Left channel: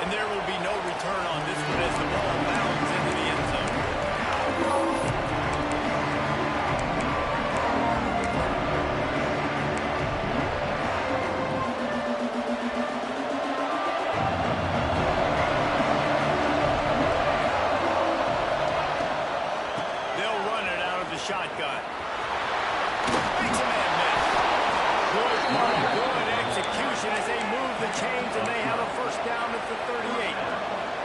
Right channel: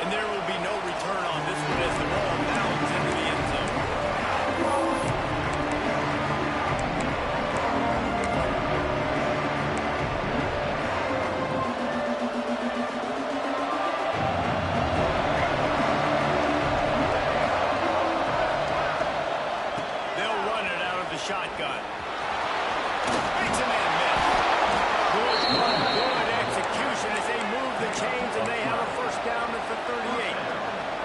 And there will be no return on this one as the ball bounds into the end zone. They'll run it out of the shotgun. Makes a man miss. Good call, good execution as they move the chains, and they have a first down at the 38.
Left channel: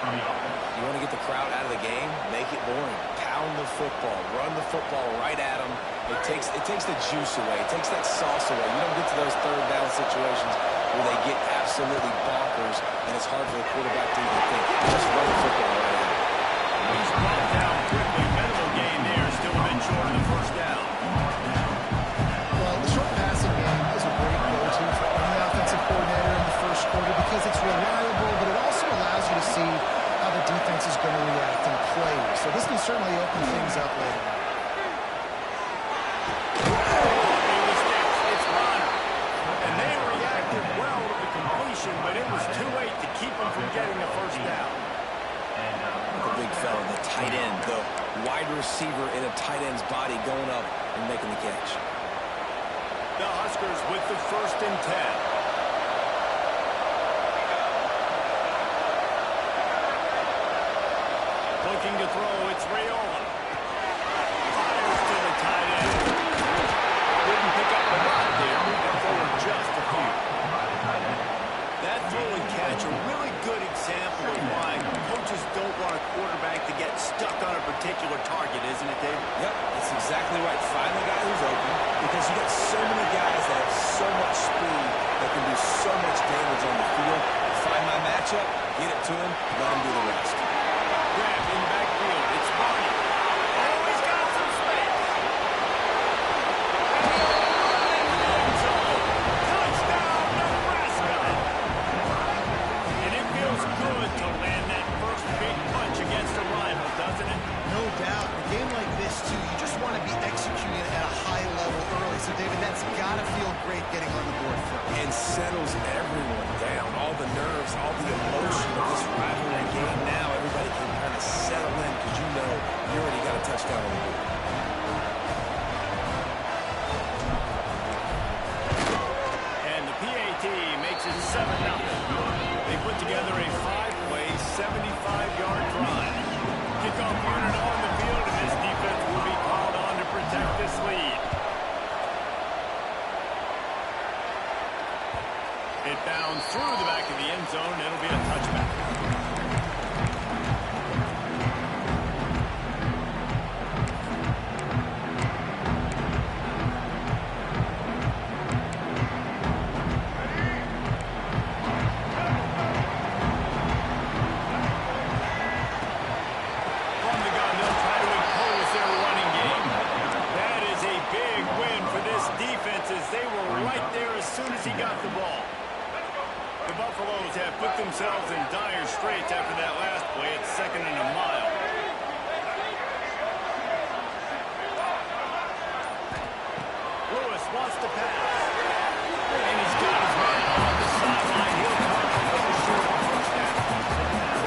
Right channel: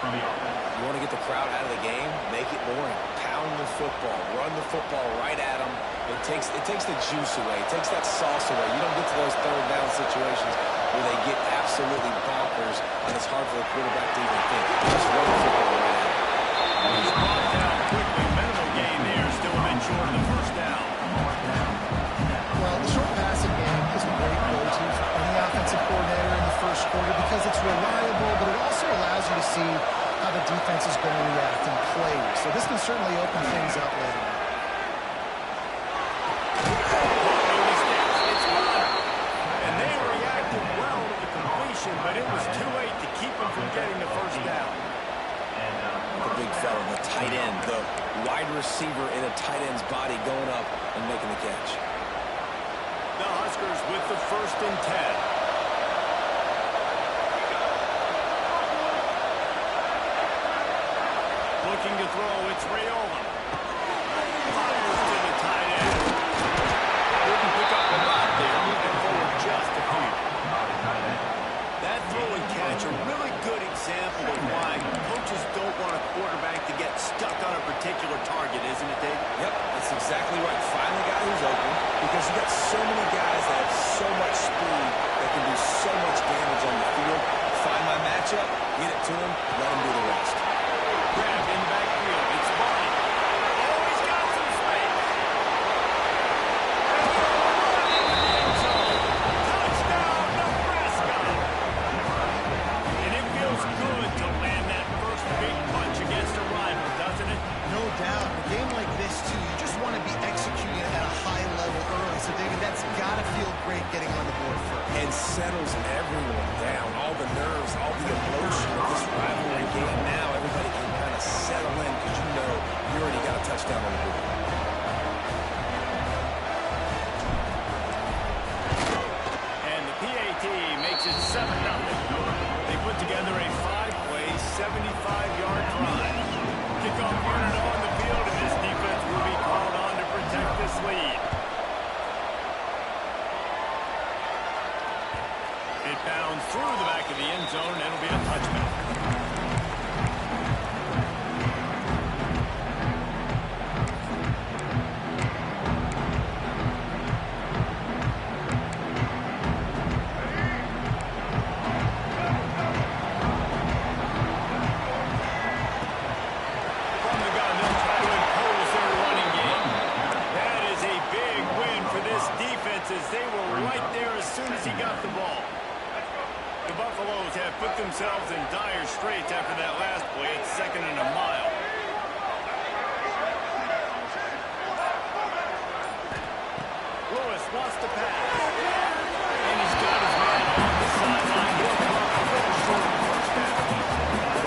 You want to get the crowd out of the game? Make it boring. Pound the football. Run the football right at them. It takes the juice away. It takes that sauce away. You don't get to those third down situations where they get absolutely bonkers, and it's hard for the quarterback to even think. Just run the football right out. He's brought down quickly. Minimal gain there. Still a bit short of the first down. Well, the short passing game is a great go-to for any offensive coordinator in the first quarter because it's reliable, but it also allows you to see how the defense is going to react and play. So this can certainly open things up later on. And they reacted well to the completion, but it was too late to keep them from getting the first down. The big fella, the tight end, the wide receiver in a tight end's body going up and making the catch. The Huskers with the 1st and 10. Looking to throw, it's Raiola. Fires to the tight end. Didn't pick up a lot there, moving forward just a few. That throw and catch, a really good example of why coaches don't want a quarterback to get stuck on a particular target, isn't it, David? Yep, that's exactly right. Find the guy who's open, because you got so many guys that have so much speed that can do so much damage on the field. Find my matchup, get it to him, let him do the rest. Grab in the backfield, it's Barney. Oh, he's got some space. And he'll run into the end zone. Touchdown, Nebraska. And it feels good to land that first big punch against a rival, doesn't it? No doubt. In a game like this, too, you just want to be executing at a high level early. So, David, that's got to feel great getting on the board first. And settles everyone down. All the nerves, all the emotion of this rivalry game. Now everybody can kind of settle in because you know you already got a touchdown on the board. And the PAT makes it 7-0. They put together a 5-play, 75-yard drive. Kickoff unit on the field, and this defense will be called on to protect this lead. It bounds through the back of the end zone. It'll be a touchback. From the gun, they'll try to impose their running game. That is a big win for this defense as they were right there as soon as he got the ball. The Buffaloes have put themselves in dire straits after that last play. It's 2nd and a mile. Lewis wants to pass. And he's got his man on the sideline. He'll come up a little short of the first down.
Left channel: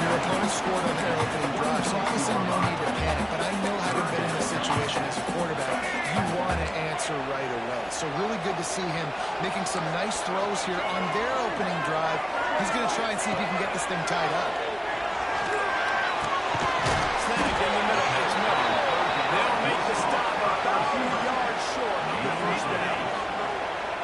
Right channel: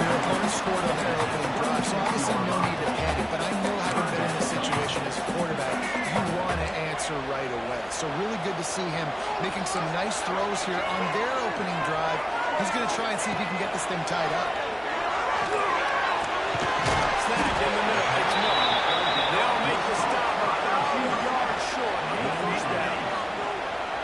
Your opponent scored on their opening drive, so obviously no need to panic. But I know, having been in this situation as a quarterback, you want to answer right away. So really good to see him making some nice throws here on their opening drive. He's going to try and see if he can get this thing tied up. Snagged in the middle. It's Miller. They'll make the stop about a few yards short of the first down.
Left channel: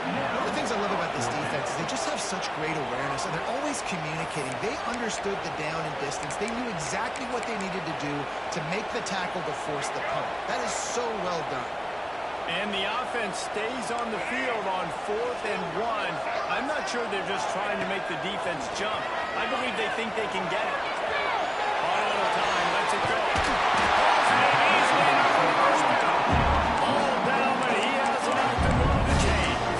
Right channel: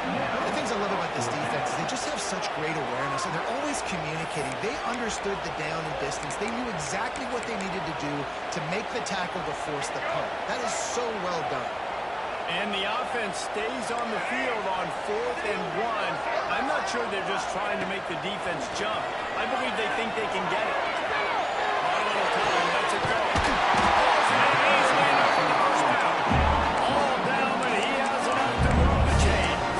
One of the things I love about this defense is they just have such great awareness, and they're always communicating. They understood the down and distance. They knew exactly what they needed to do to make the tackle to force the punt. That is so well done. And the offense stays on the field on 4th and 1. I'm not sure they're just trying to make the defense jump. I believe they think they can get it. On a little time, lets it go. Hauls it in easily enough for the first down. All down, but he has enough to move the chains.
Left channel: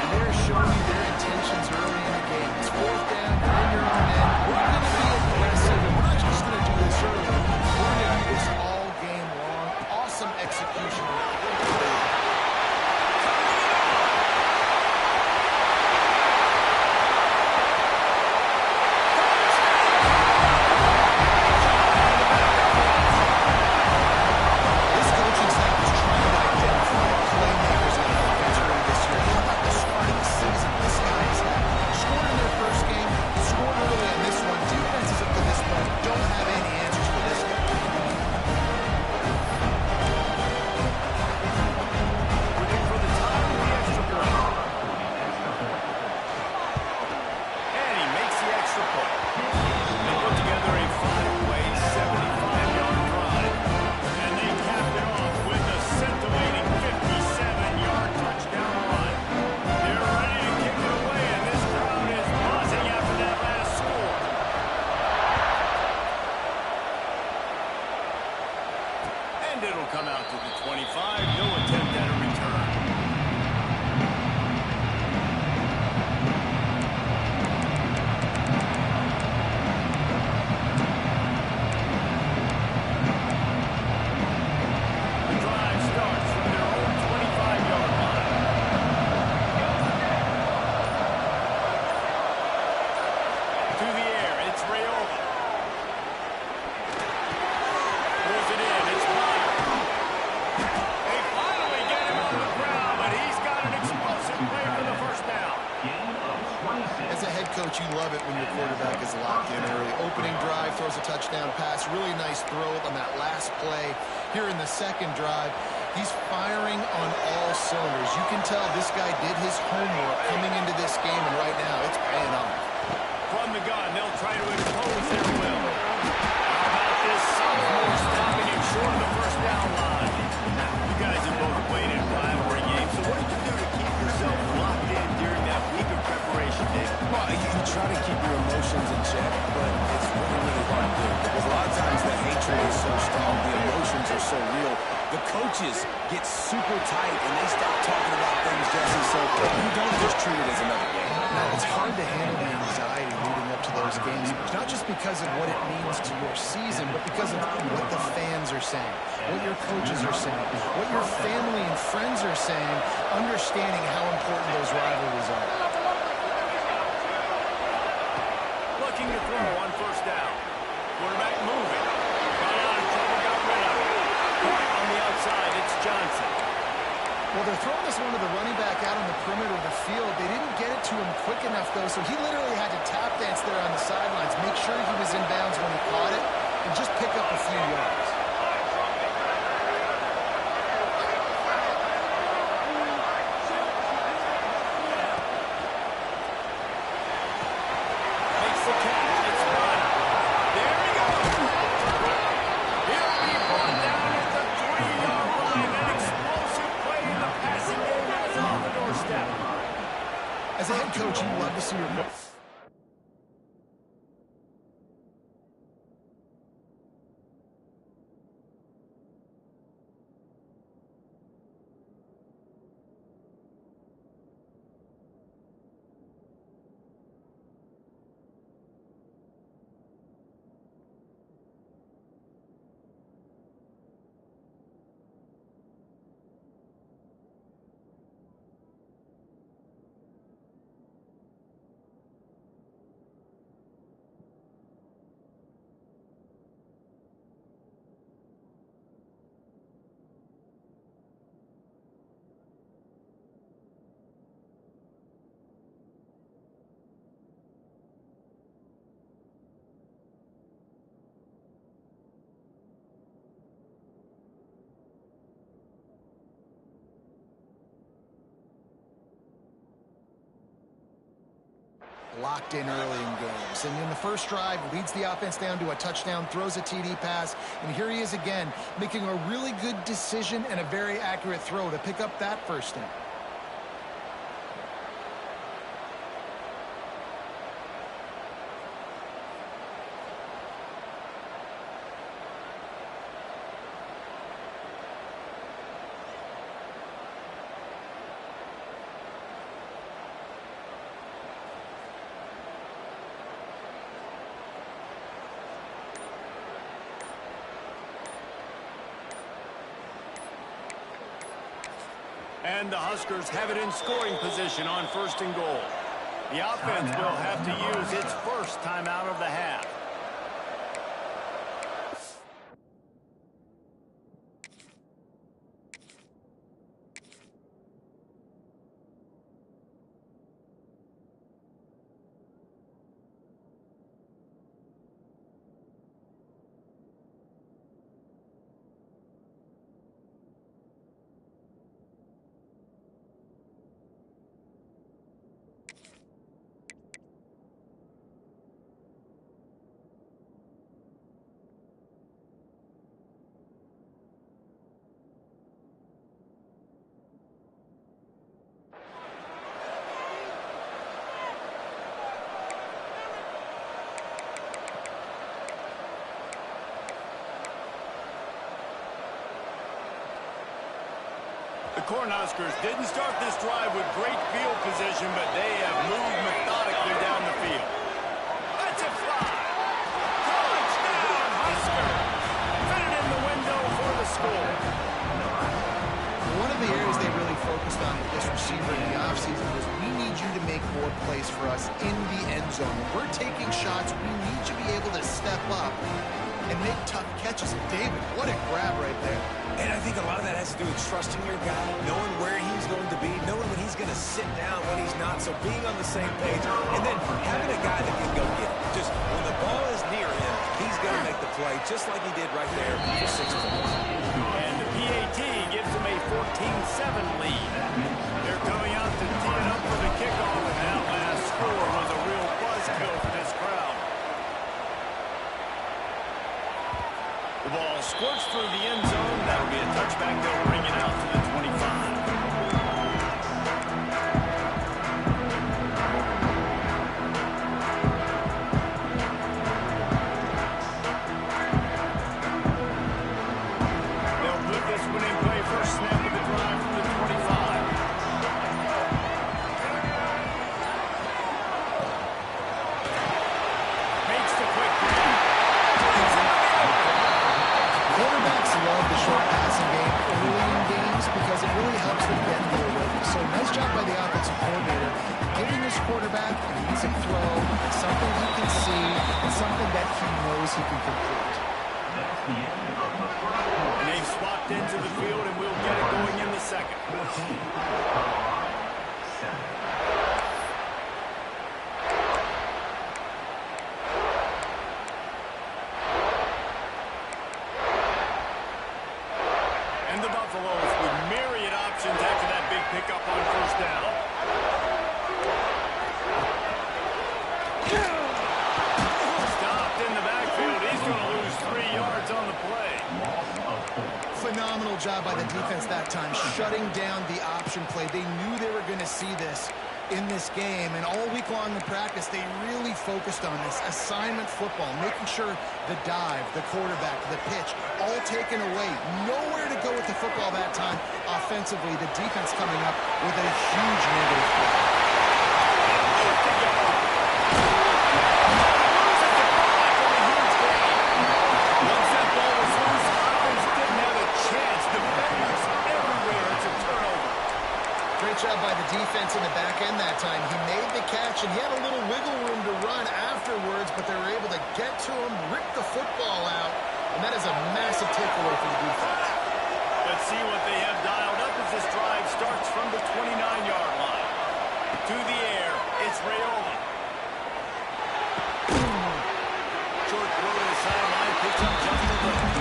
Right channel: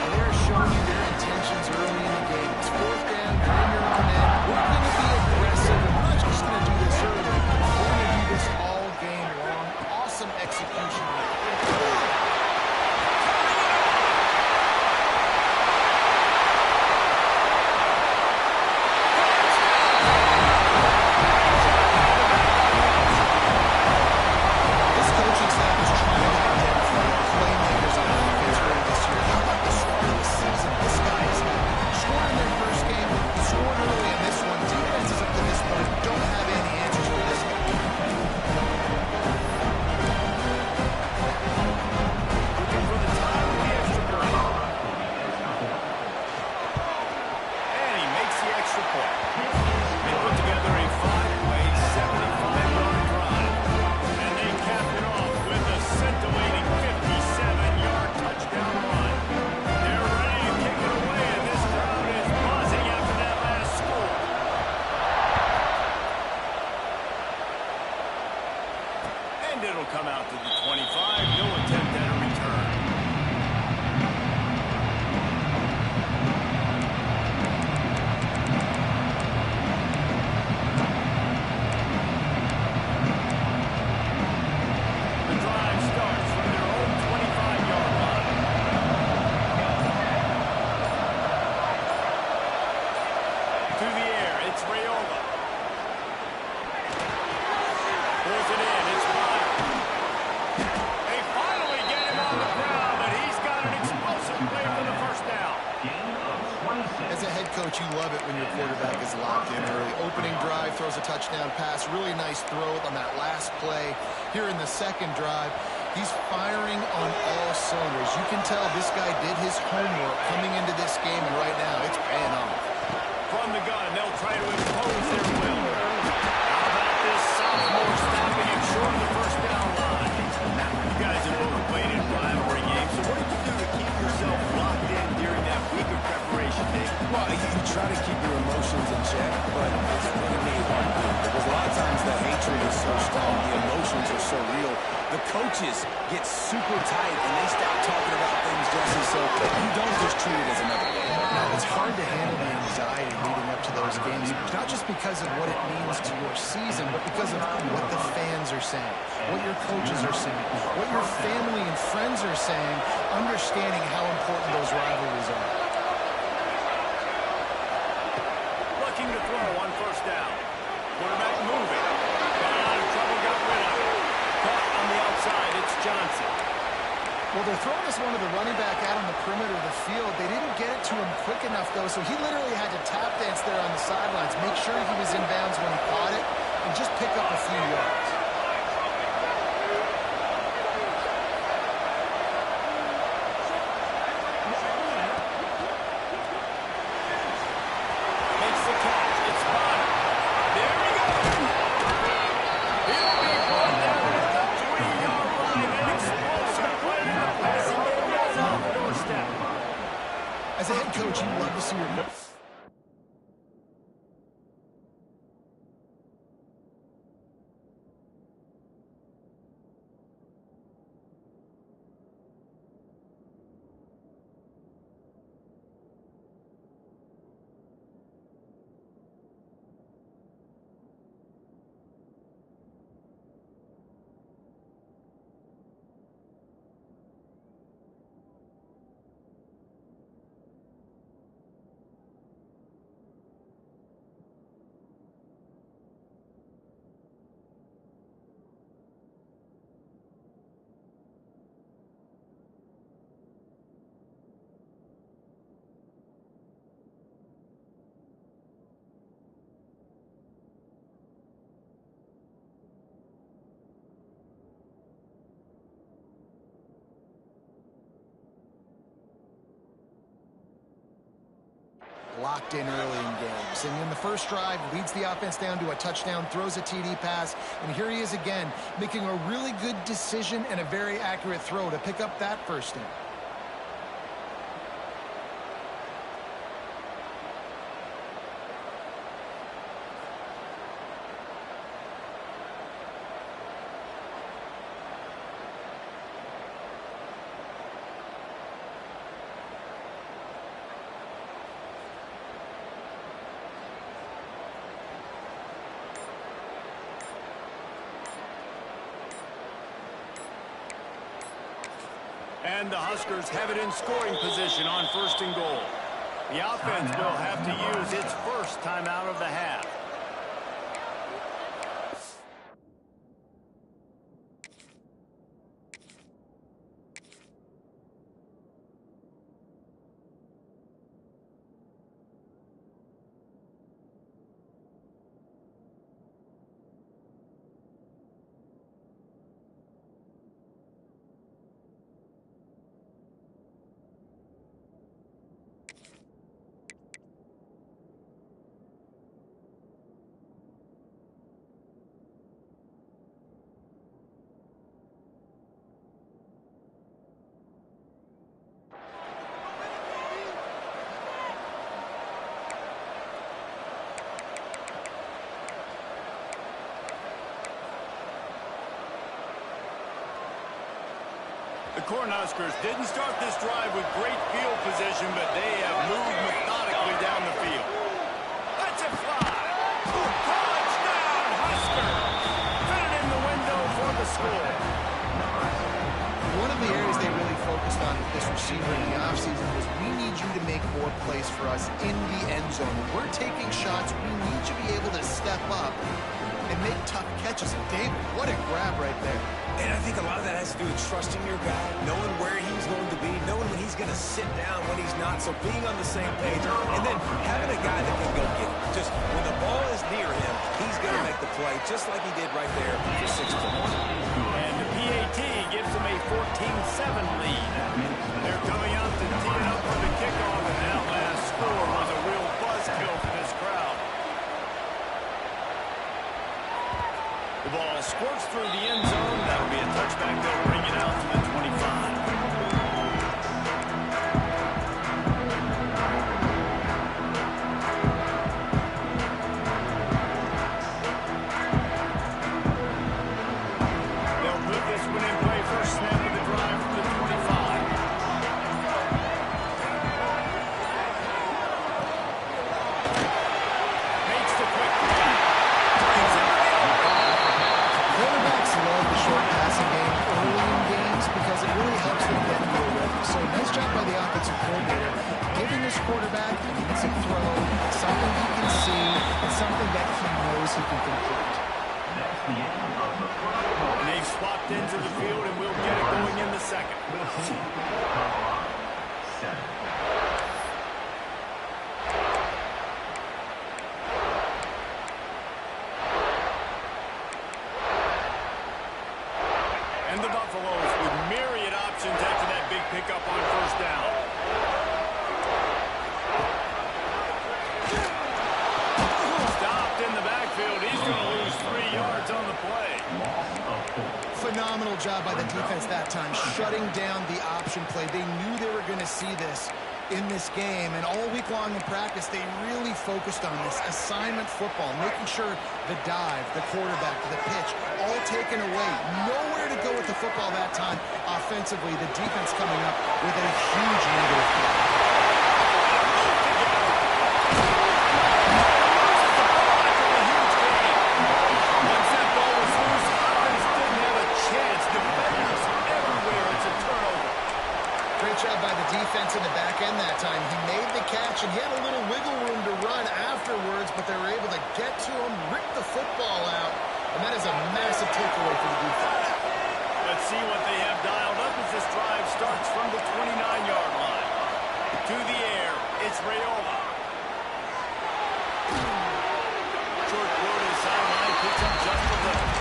And they're showing you their intentions early in the game. It's 4th down, you're in your own end. We're going to be aggressive, and we're not just going to do this early. We're going to do this all game long. Awesome execution on it. This coaching staff is trying to identify playmakers on offense early this year. How about the start of the season this guy has had? Scored in their first game, scored early in this one. Defenses up to this point don't have any answers for this guy. Looking for the tie with the extra point. And he makes the extra point. They put together a 5-play, 75-yard drive. And they capped it off with a scintillating 57-yard touchdown run. They're ready to kick it away And it'll come out to the 25. No attempt at a return. The drive starts from their own 25-yard line. To the air, it's Rayola. Pulls it in, it's Bonner. They finally get him on the ground, but he's got an explosive play for the first down. As a head coach, you love it when your quarterback is locked in early. Opening drive, throws a touchdown pass. Really nice throw on that last play. Here in the second drive, he's firing on all cylinders. You can tell this guy did his homework coming into this game, and right now it's paying off. From the gun, they'll try to impose their will. How about this sophomore stopping him short of the first down line? You guys have both played in rivalry games, so what did you do to keep yourself locked in during that week of preparation, Dave? Well, you try to keep your emotions in check, but it's really, really hard to do because a lot of times the hatred is so strong, the emotions are so real. The coaches get super tight and they stop talking about things, Jesse, so you don't just treat it as another game. Now, it's hard to handle the anxiety leading up to those games, not just because of what it means to your season, but because of what the fans are saying, what your coaches are saying, what your family and friends are saying, understanding how important those rivalries are. Looking to throw on first down. Quarterback moving. Got out of trouble, got rid of it. Caught on the outside, it's Johnson. Well, they're throwing this one to the running back out on the perimeter of the field. They didn't get it to him quick enough, though, so he literally had to tap dance there on the sidelines, make sure he was in bounds when he caught it, and just pick up a few yards. Makes the catch. It's Bonner. There he goes. He'll be brought down at the 3-yard line. An explosive play in the passing game has him on the doorstep. As a head coach, you love to see your... Locked in early in games. And in the first drive, leads the offense down to a touchdown, throws a TD pass, and here he is again, making a really good decision and a very accurate throw to pick up that first down. And the Huskers have it in scoring position on 1st and goal. The offense will have to use its first timeout of the half. Cornhuskers didn't start this drive with great field position, but they have moved methodically down the field. Let's it fly. Touchdown, Husker. Fit it in the window for the score. One of the areas they really focused on with this receiver in the offseason was we need you to make more plays for us in the end zone. When we're taking shots, we need you to be able to step up and make tough catches. And David, what a grab right there. And I think a lot of that has to do with trusting your guy, knowing where he's going to be, knowing when he's going to sit down, when he's not. So being on the same page, and then having a guy that can go get it. Just when the ball is near him, he's going to make the play, just like he did right there for 6 points. And the PAT gives him a 14-7 lead. They're coming out to tee it up for the kickoff, and that last score was a real buzzkill for this crowd. The ball squirts through the end zone. That'll be a touchback. They'll bring it out to the 25. Because it really helps them get into a rhythm. So nice job by the offensive coordinator, giving his quarterback an easy throw, something he can see, and something that he knows he can complete. And they've swapped into the field, and we'll get it going in the second. And the Buffaloes with myriad options after that big pickup on first down. Stopped in the backfield. He's going to lose 3 yards on the play. Phenomenal job by the defense that time, shutting down the option play. They knew they were going to see this in this game, and all week long in practice, they really focused on this assignment football, making sure the dive, the quarterback, the pitch, all taken away. Nowhere to go with the football that time. Offensively, the defense coming up with a huge negative play. Loses the ball after a huge gain. Once that ball was loose, offense didn't have a chance. Defenders everywhere. It's a turnover. Great job by the defense in the back end that time. He made the catch, and he had a little wiggle room to run afterwards, but they were able to get to him, rip the football out, and that is a massive takeaway for the defense. Let's see what they have dialed up as this drive starts from the 29-yard line. To the air, it's Raiola. Short throw to the sideline, picks up just a little.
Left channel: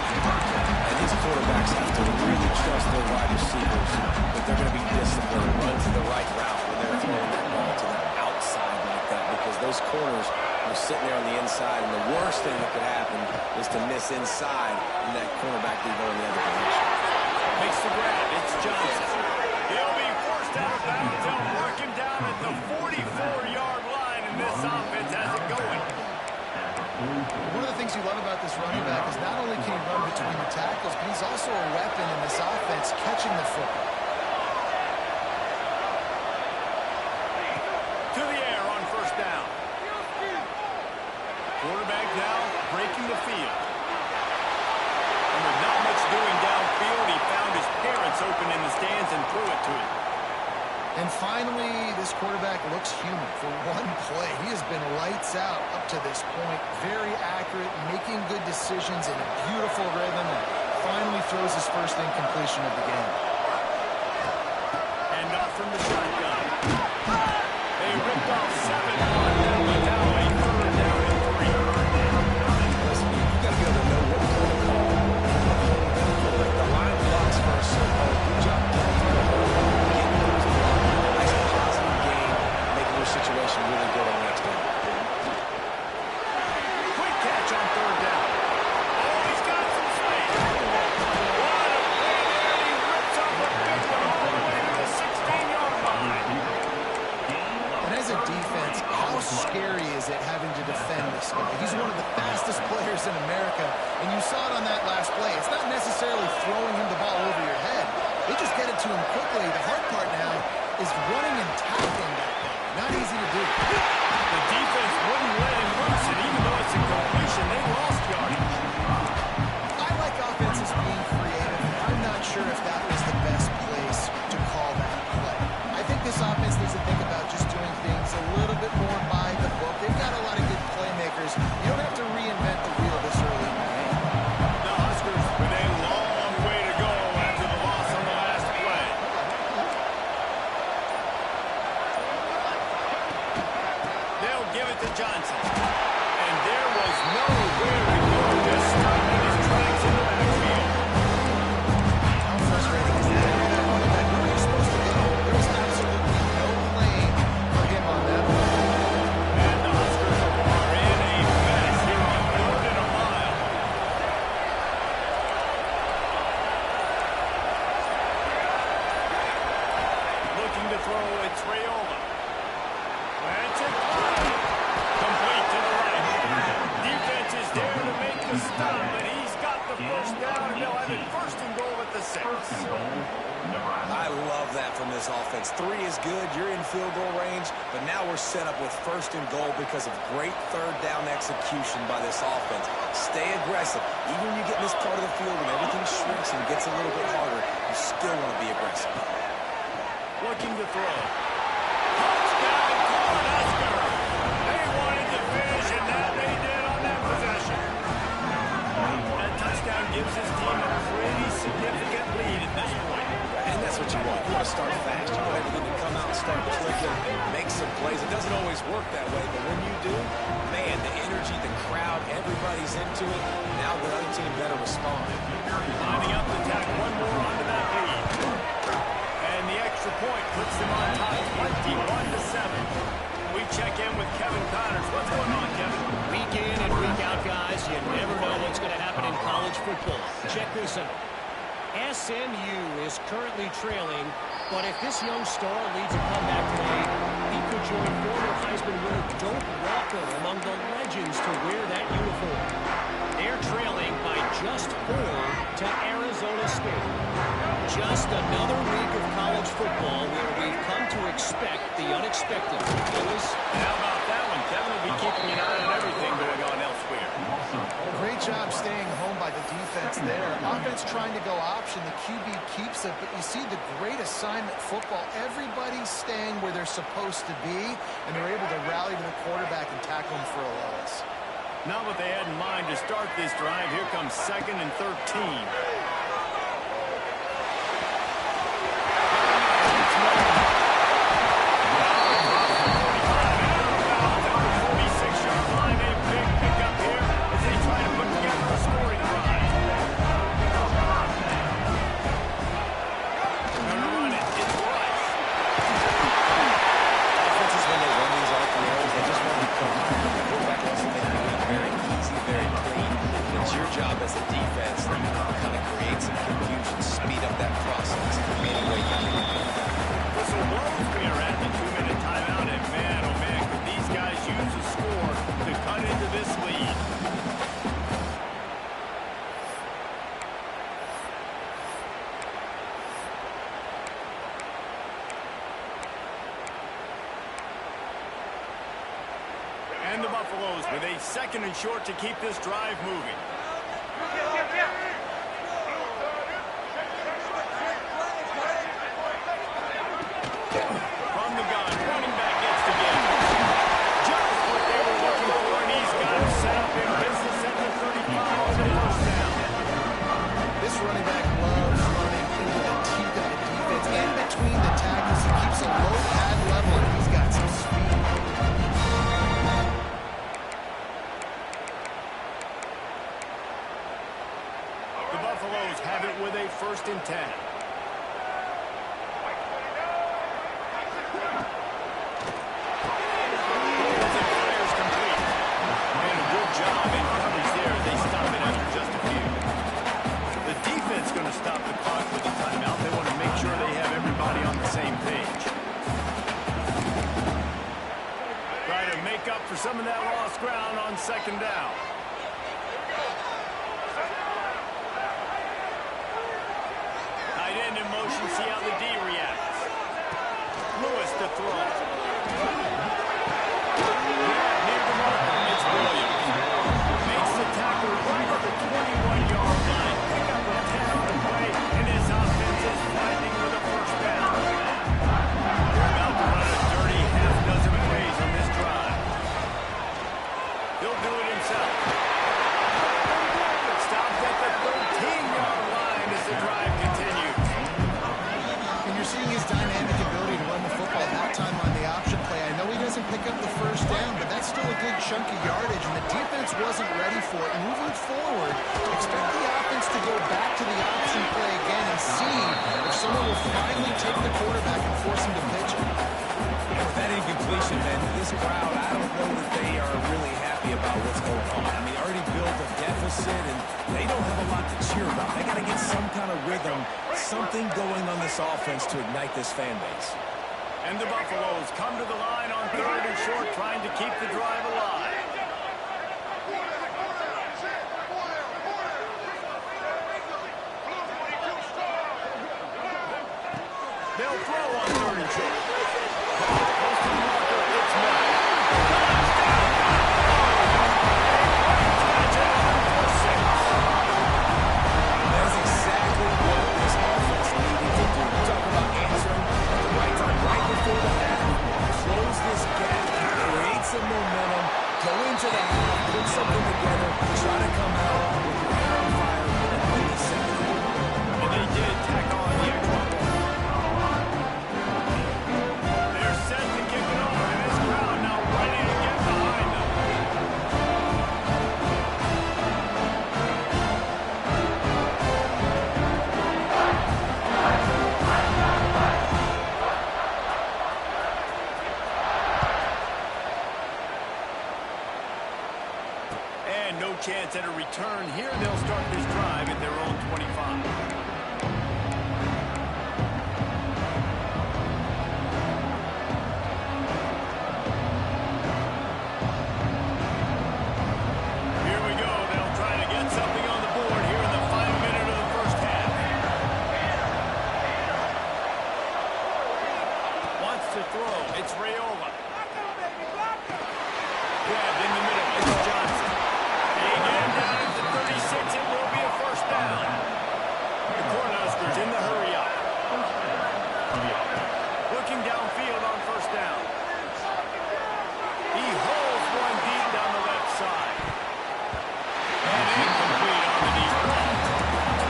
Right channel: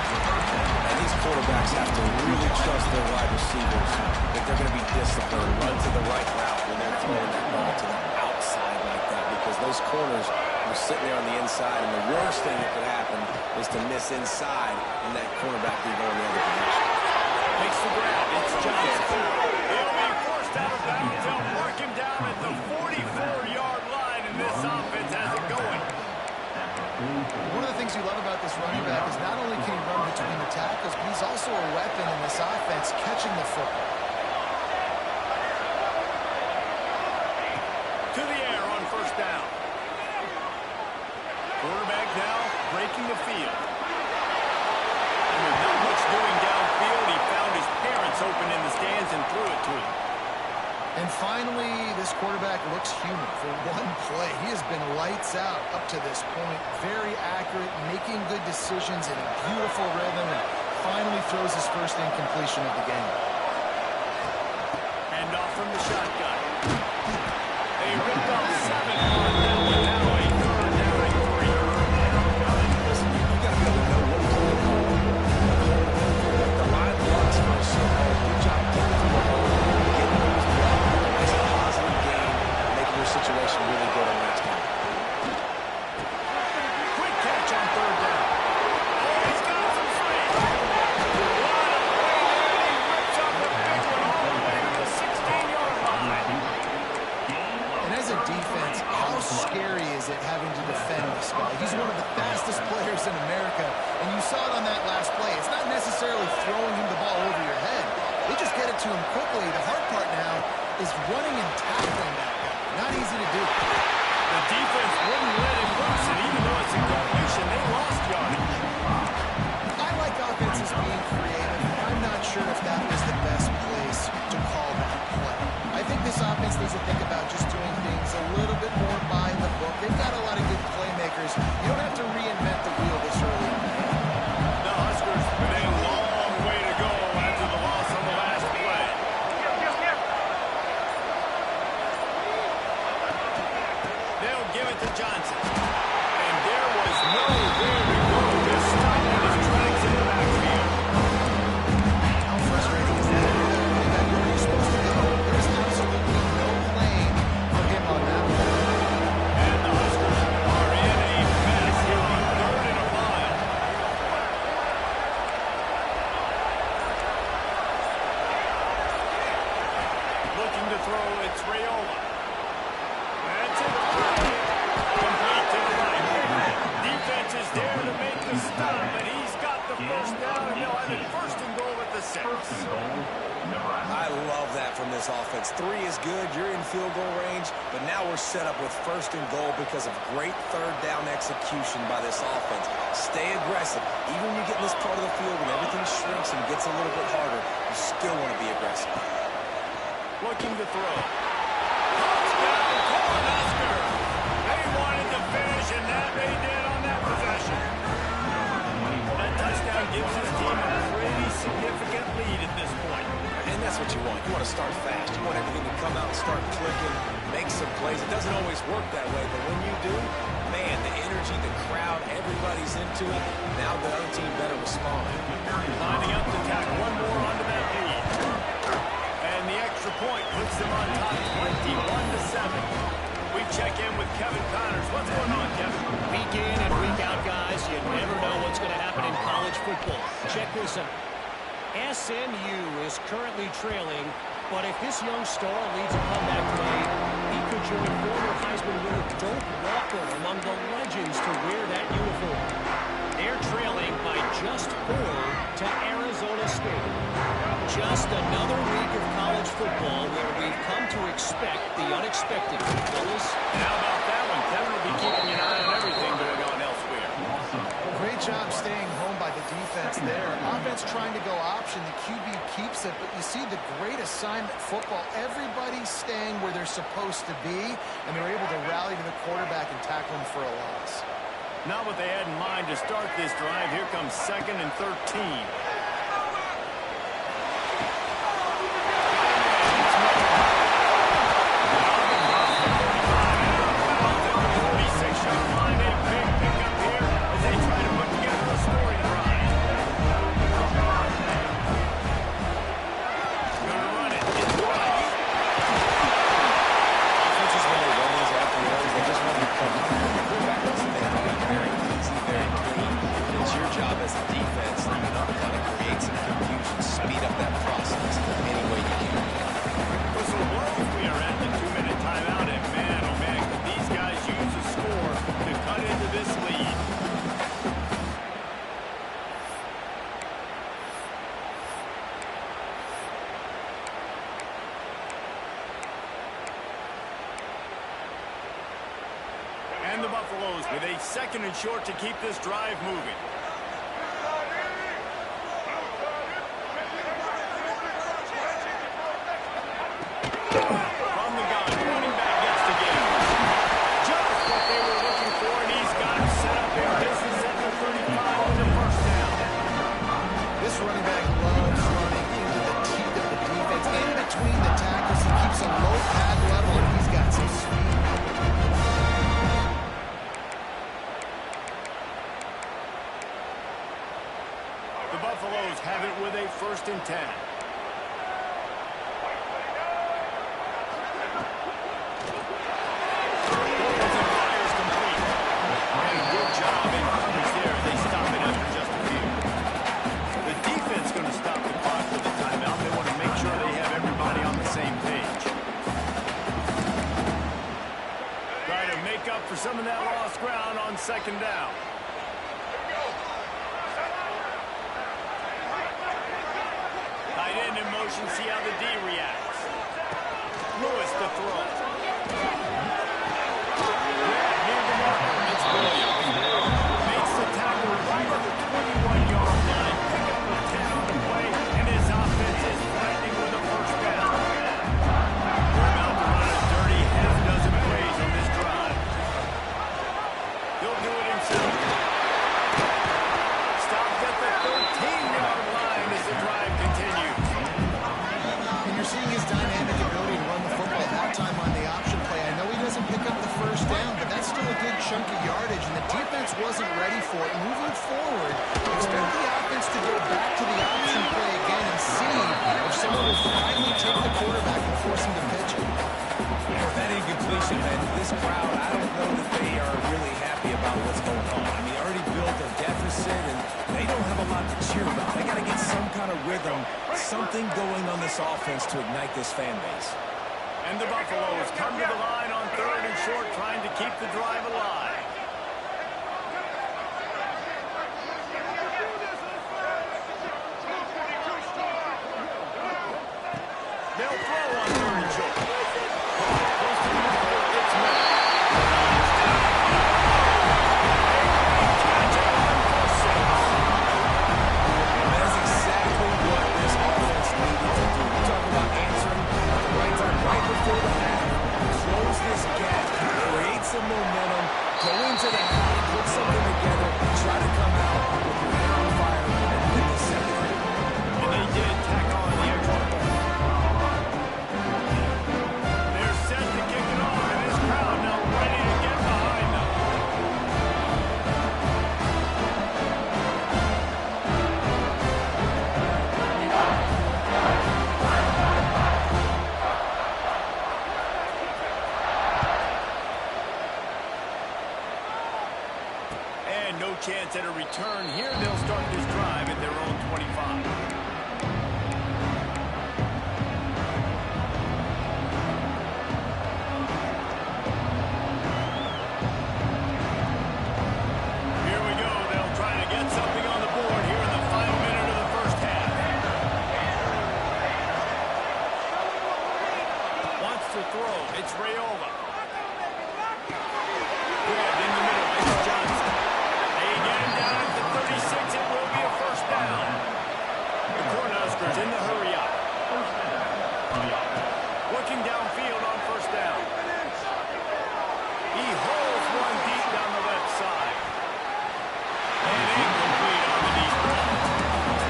And these quarterbacks have to really trust their wide receivers that they're going to be disciplined, run to the right route when they're throwing that ball to the outside like that, because those corners are sitting there on the inside, and the worst thing that could happen is to miss inside and that cornerback be going the other direction. Makes the grab. It's Johnson. He'll be forced out of bounds. They'll mark him down at the 44-yard line, and this offense has it going. One of the things you love about this running back is not only can he run between the tackles, but he's also a weapon in this offense catching the football. To the air on first down. Quarterback now breaking the field. And with not much doing downfield, he found his parents open in the stands and threw it to him. And finally, this quarterback looks human for one play. He has been lights out up to this point. Very accurate, making good decisions in a beautiful rhythm, and finally throws his first incompletion of the game. And off from the shotgun. They ripped off 7 on that one. Now a third down and 3. Listen, you got to be able to know what play to call. Like the line blocks for a certain hole. Good job getting through the hole, getting those blocks. Nice positive game, making your situation really good on the next down. Quick catch on third down. Oh, he's got some space. What a play there, and he rips off a big one all the way to the 16-yard line. And as a defense, how scary is it having to defend this guy? He's one of the fastest players in America, and you saw it on that last play. It's not necessarily throwing him the ball over your head. They just get it to him quickly. The hard part now is running and tackling that guy. Not easy to do. The defense wouldn't let him loose, and even though it's a completion, they lost yardage. I like offenses being creative. I'm not sure if that was the best place to call that play. I think this offense needs to think about just doing things a little bit more by the book. They've got a lot of good playmakers. You don't have to reinvent the wheel this early in the game. The Huskers with a long way to go after the loss on the last play. They'll give it to Johnson. And there was nowhere to go. Just stopped in his tracks in the backfield. How frustrating is that? You're that running back. Where are you supposed to go? There was absolutely no lane for him on that one. And the Huskers are in a mess here on 3rd and a mile. Looking to throw, it's Raiola. That's it. Complete to the right. Defense is there to make the stop, and he's got the first down, and they'll have it 1st and goal at the 6. I love that from this offense. 3 is good. You're in field goal range, but now we're set up with 1st and goal because of great 3rd down execution by this offense. Stay aggressive. Even when you get in this part of the field when everything shrinks and gets a little bit harder, you still want to be aggressive. Looking to throw. Touchdown, Cornhusker! They wanted to finish, and that they did on that possession. That touchdown gives his team a pretty significant lead at this point. And that's what you want. You want to start fast. You want everything to come out and start clicking, make some plays. It doesn't always work that way, but when you do, man, the energy, the crowd, everybody's into it. Now the other team better respond. Lining up to tack one more onto that lead. And the extra point puts them on top 21-7. We check in with Kevin Connors. What's going on, Kevin? Week in and week out, guys, you never know what's going to happen in college football. Check this out. SMU is currently trailing, but if this young star leads a comeback play, he could join former Heisman winner Doak Walker among the legends to wear that uniform. They're trailing by just 4 to Arizona State. Just another week of college football where we've come to expect the unexpected. Fellas, And how about that one? Kevin will be keeping an eye on everything going on elsewhere. Great job staying home by the defense there. Offense trying to go option. The QB keeps it, but you see the great assignment football. Everybody's staying where they're supposed to be, and they're able to rally to the quarterback and tackle him for a loss. Not what they had in mind to start this drive. Here comes 2nd and 13. As a defense, kind of create some confusion, speed up that process any way you can. Whistle blows. We are at the 2-minute timeout, and man, oh man, could these guys use a score to cut into this lead. And the Buffaloes with a 2nd and short to keep this drive moving. From the gun, running back gets to give. Just what they were looking for, and he's got him set up in business at the 35 with the 1st down. This running back loves running into the teeth of the defense. In between the tackles, he keeps a low pad level, and he's got some speed. The Buffaloes have it with a 1st and 10. Job in coverage there. They stop it after just a few. The defense going to stop the clock with the timeout. They want to make sure they have everybody on the same page. Try to make up for some of that lost ground on 2nd down. Tight end in motion, see how the D reacts. Lewis to throw. Grab near the marker. It's Williams. Makes the tackle right at the 21-yard line. Pick up a 10 on the play, and his offense is threatening with a first down. They're about to run a dirty half-dozen plays on this drive. He'll do it himself. Stopped at the 13-yard line as the drive continues. And you're seeing his dynamic ability to run the football that time on the option play. I know he doesn't pick up the first down, but that's still a good chunk of yardage, and the defense wasn't ready for it. Moving forward, expect the offense to go back to the option play again and see if someone will finally take the quarterback and force him to pitch it. With that incompletion, man, this crowd, I don't know that they are really happy about what's going on. I mean, already built a deficit, and they don't have a lot to cheer about. They got to get some kind of rhythm, something going on this offense to ignite this fan base. And the Buffaloes come to the line on 3rd and short, trying to keep the drive alive. They'll throw on 3rd and short. Close to the marker, it's Miller. Touchdown, Buffalo! A great catch and run for 6. That's exactly what this offense needed to do. You talk about answering at the right time, right before the half, close this gap, create some momentum, go into the half, put something together, try to come out with your hair on fire, and win the second half. And they did tack on the extra point. They're set to kick it off, and this crowd now ready to get behind them. And no chance at a return here. They'll start this drive at their own 25. Here we go. They'll try to get something on the board here in the final minute of the first half. Wants to throw. It's Raiola. Grabbed in the middle. It's Johnson. They get him down at the 36. It will be a first down. The Cornhuskers in the hurry up. Looking downfield on first down. He holds one deep down the left side. And incomplete on the deep ball.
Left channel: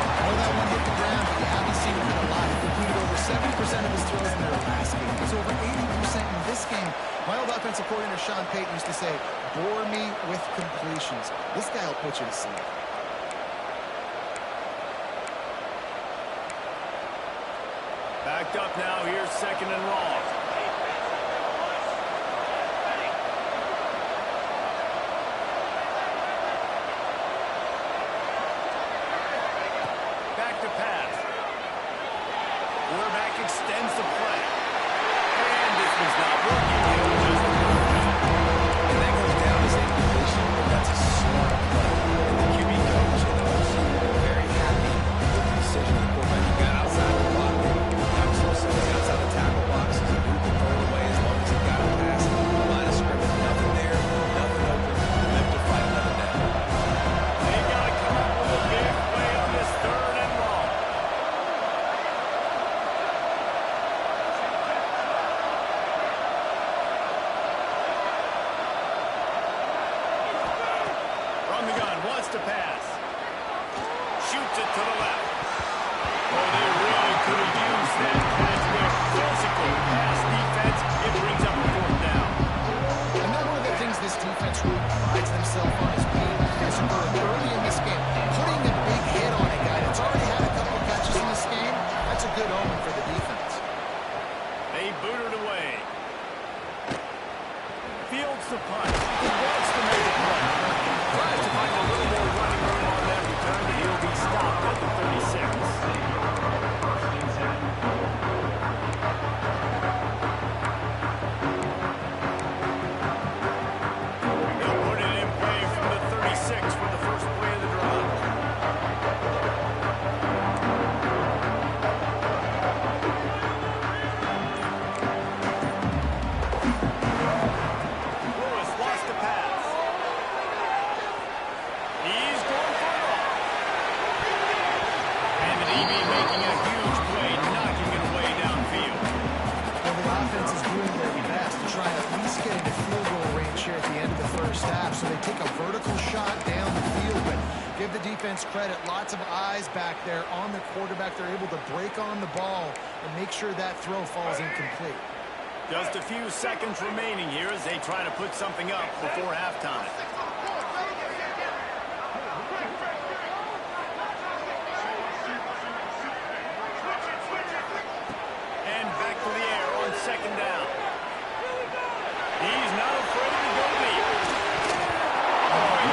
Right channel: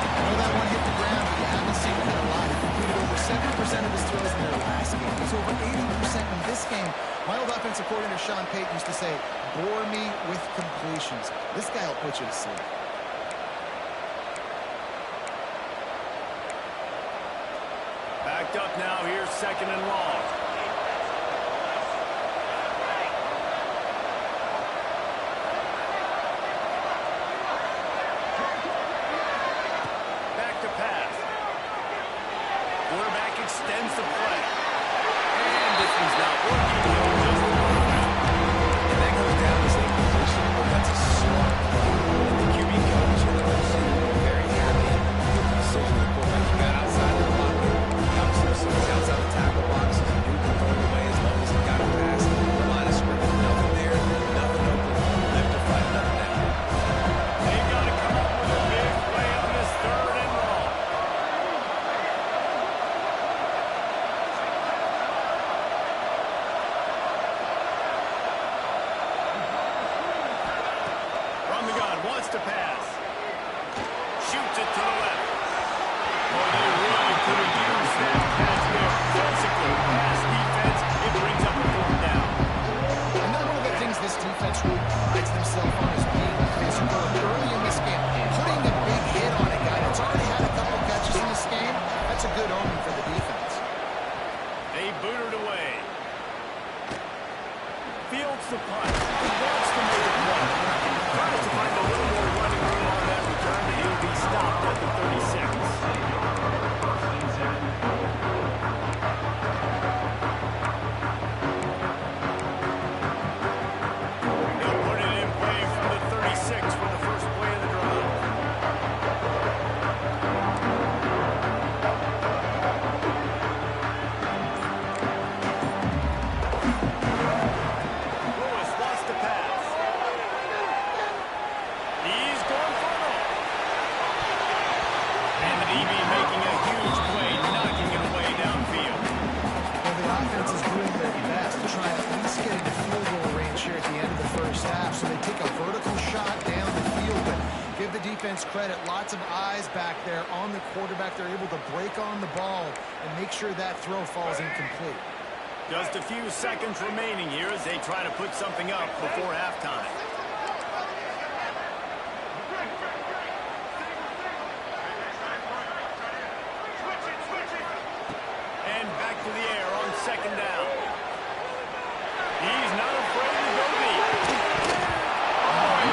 I know that one hit the ground, but you haven't seen him hit a lot. He completed over 70% of his throws in their last game. He's over 80% in this game. My old offensive coordinator, Sean Payton, used to say, bore me with completions. This guy will put you to sleep. Backed up now. Here's 2nd and long. Back to pass. Quarterback extends the play. And this one's not working. He'll just run away. And that goes down as incompletion, but that's a smart play. And the QB coach and the OC were very happy with the decision of the quarterback. He got outside the pocket. He was outside the tackle box. He knew he could throw it away as long as he got it past the line of scrimmage. Nothing there, nothing open. Live to fight another down. They've got to come up with a big play on this 3rd and long. From the gun, wants to pass. Shoots it to the left. Oh, they really could have used that catch there. Physical pass defense. It brings up a 4th down. And then one of the things this defense really prides themselves on is being physical. And early in this game, putting a big hit on a guy that's already had a couple catches in this game, that's a good omen for the defense. They boot it away. Fields the punt. He wants to make a play. Tries to find a little more running room on that return, but he'll be stopped at the 36. He'll put it in play from the 36 for the first play of the drive. DB making a huge play, knocking it away downfield. Well, the offense is doing their best to try at least get into field goal range here at the end of the first half. So they take a vertical shot down the field, but give the defense credit. Lots of eyes back there on the quarterback. They're able to break on the ball and make sure that throw falls incomplete. Just a few seconds remaining here as they try to put something up before halftime. And back to the air on second down. He's not afraid to go deep. Oh,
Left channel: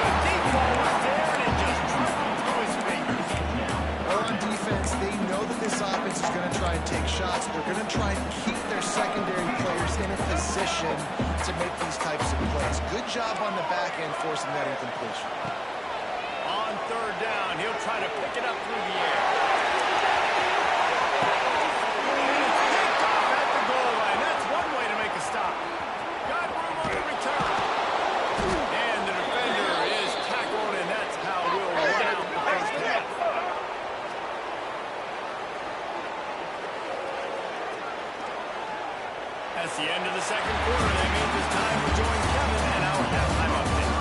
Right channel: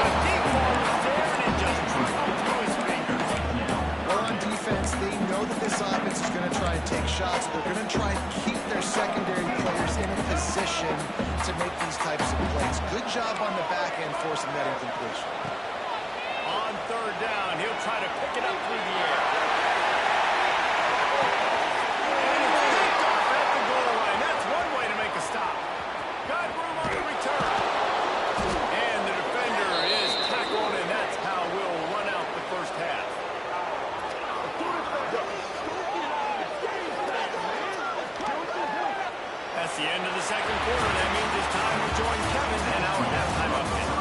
the deep ball was there, and it just trickled through his fingers. Well, on defense, they know that this offense is going to try and take shots. They're going to try and keep their secondary players in a position to make these types of plays. Good job on the back end forcing that incompletion. On third down, he'll try to pick it up through the air. And it's picked off at the goal line. That's one way to make a stop. Got room on the return. And the defender is tackled, and that's how we'll run out the first half. That's the end of the second quarter. That means it's time to join Kevin and our halftime update.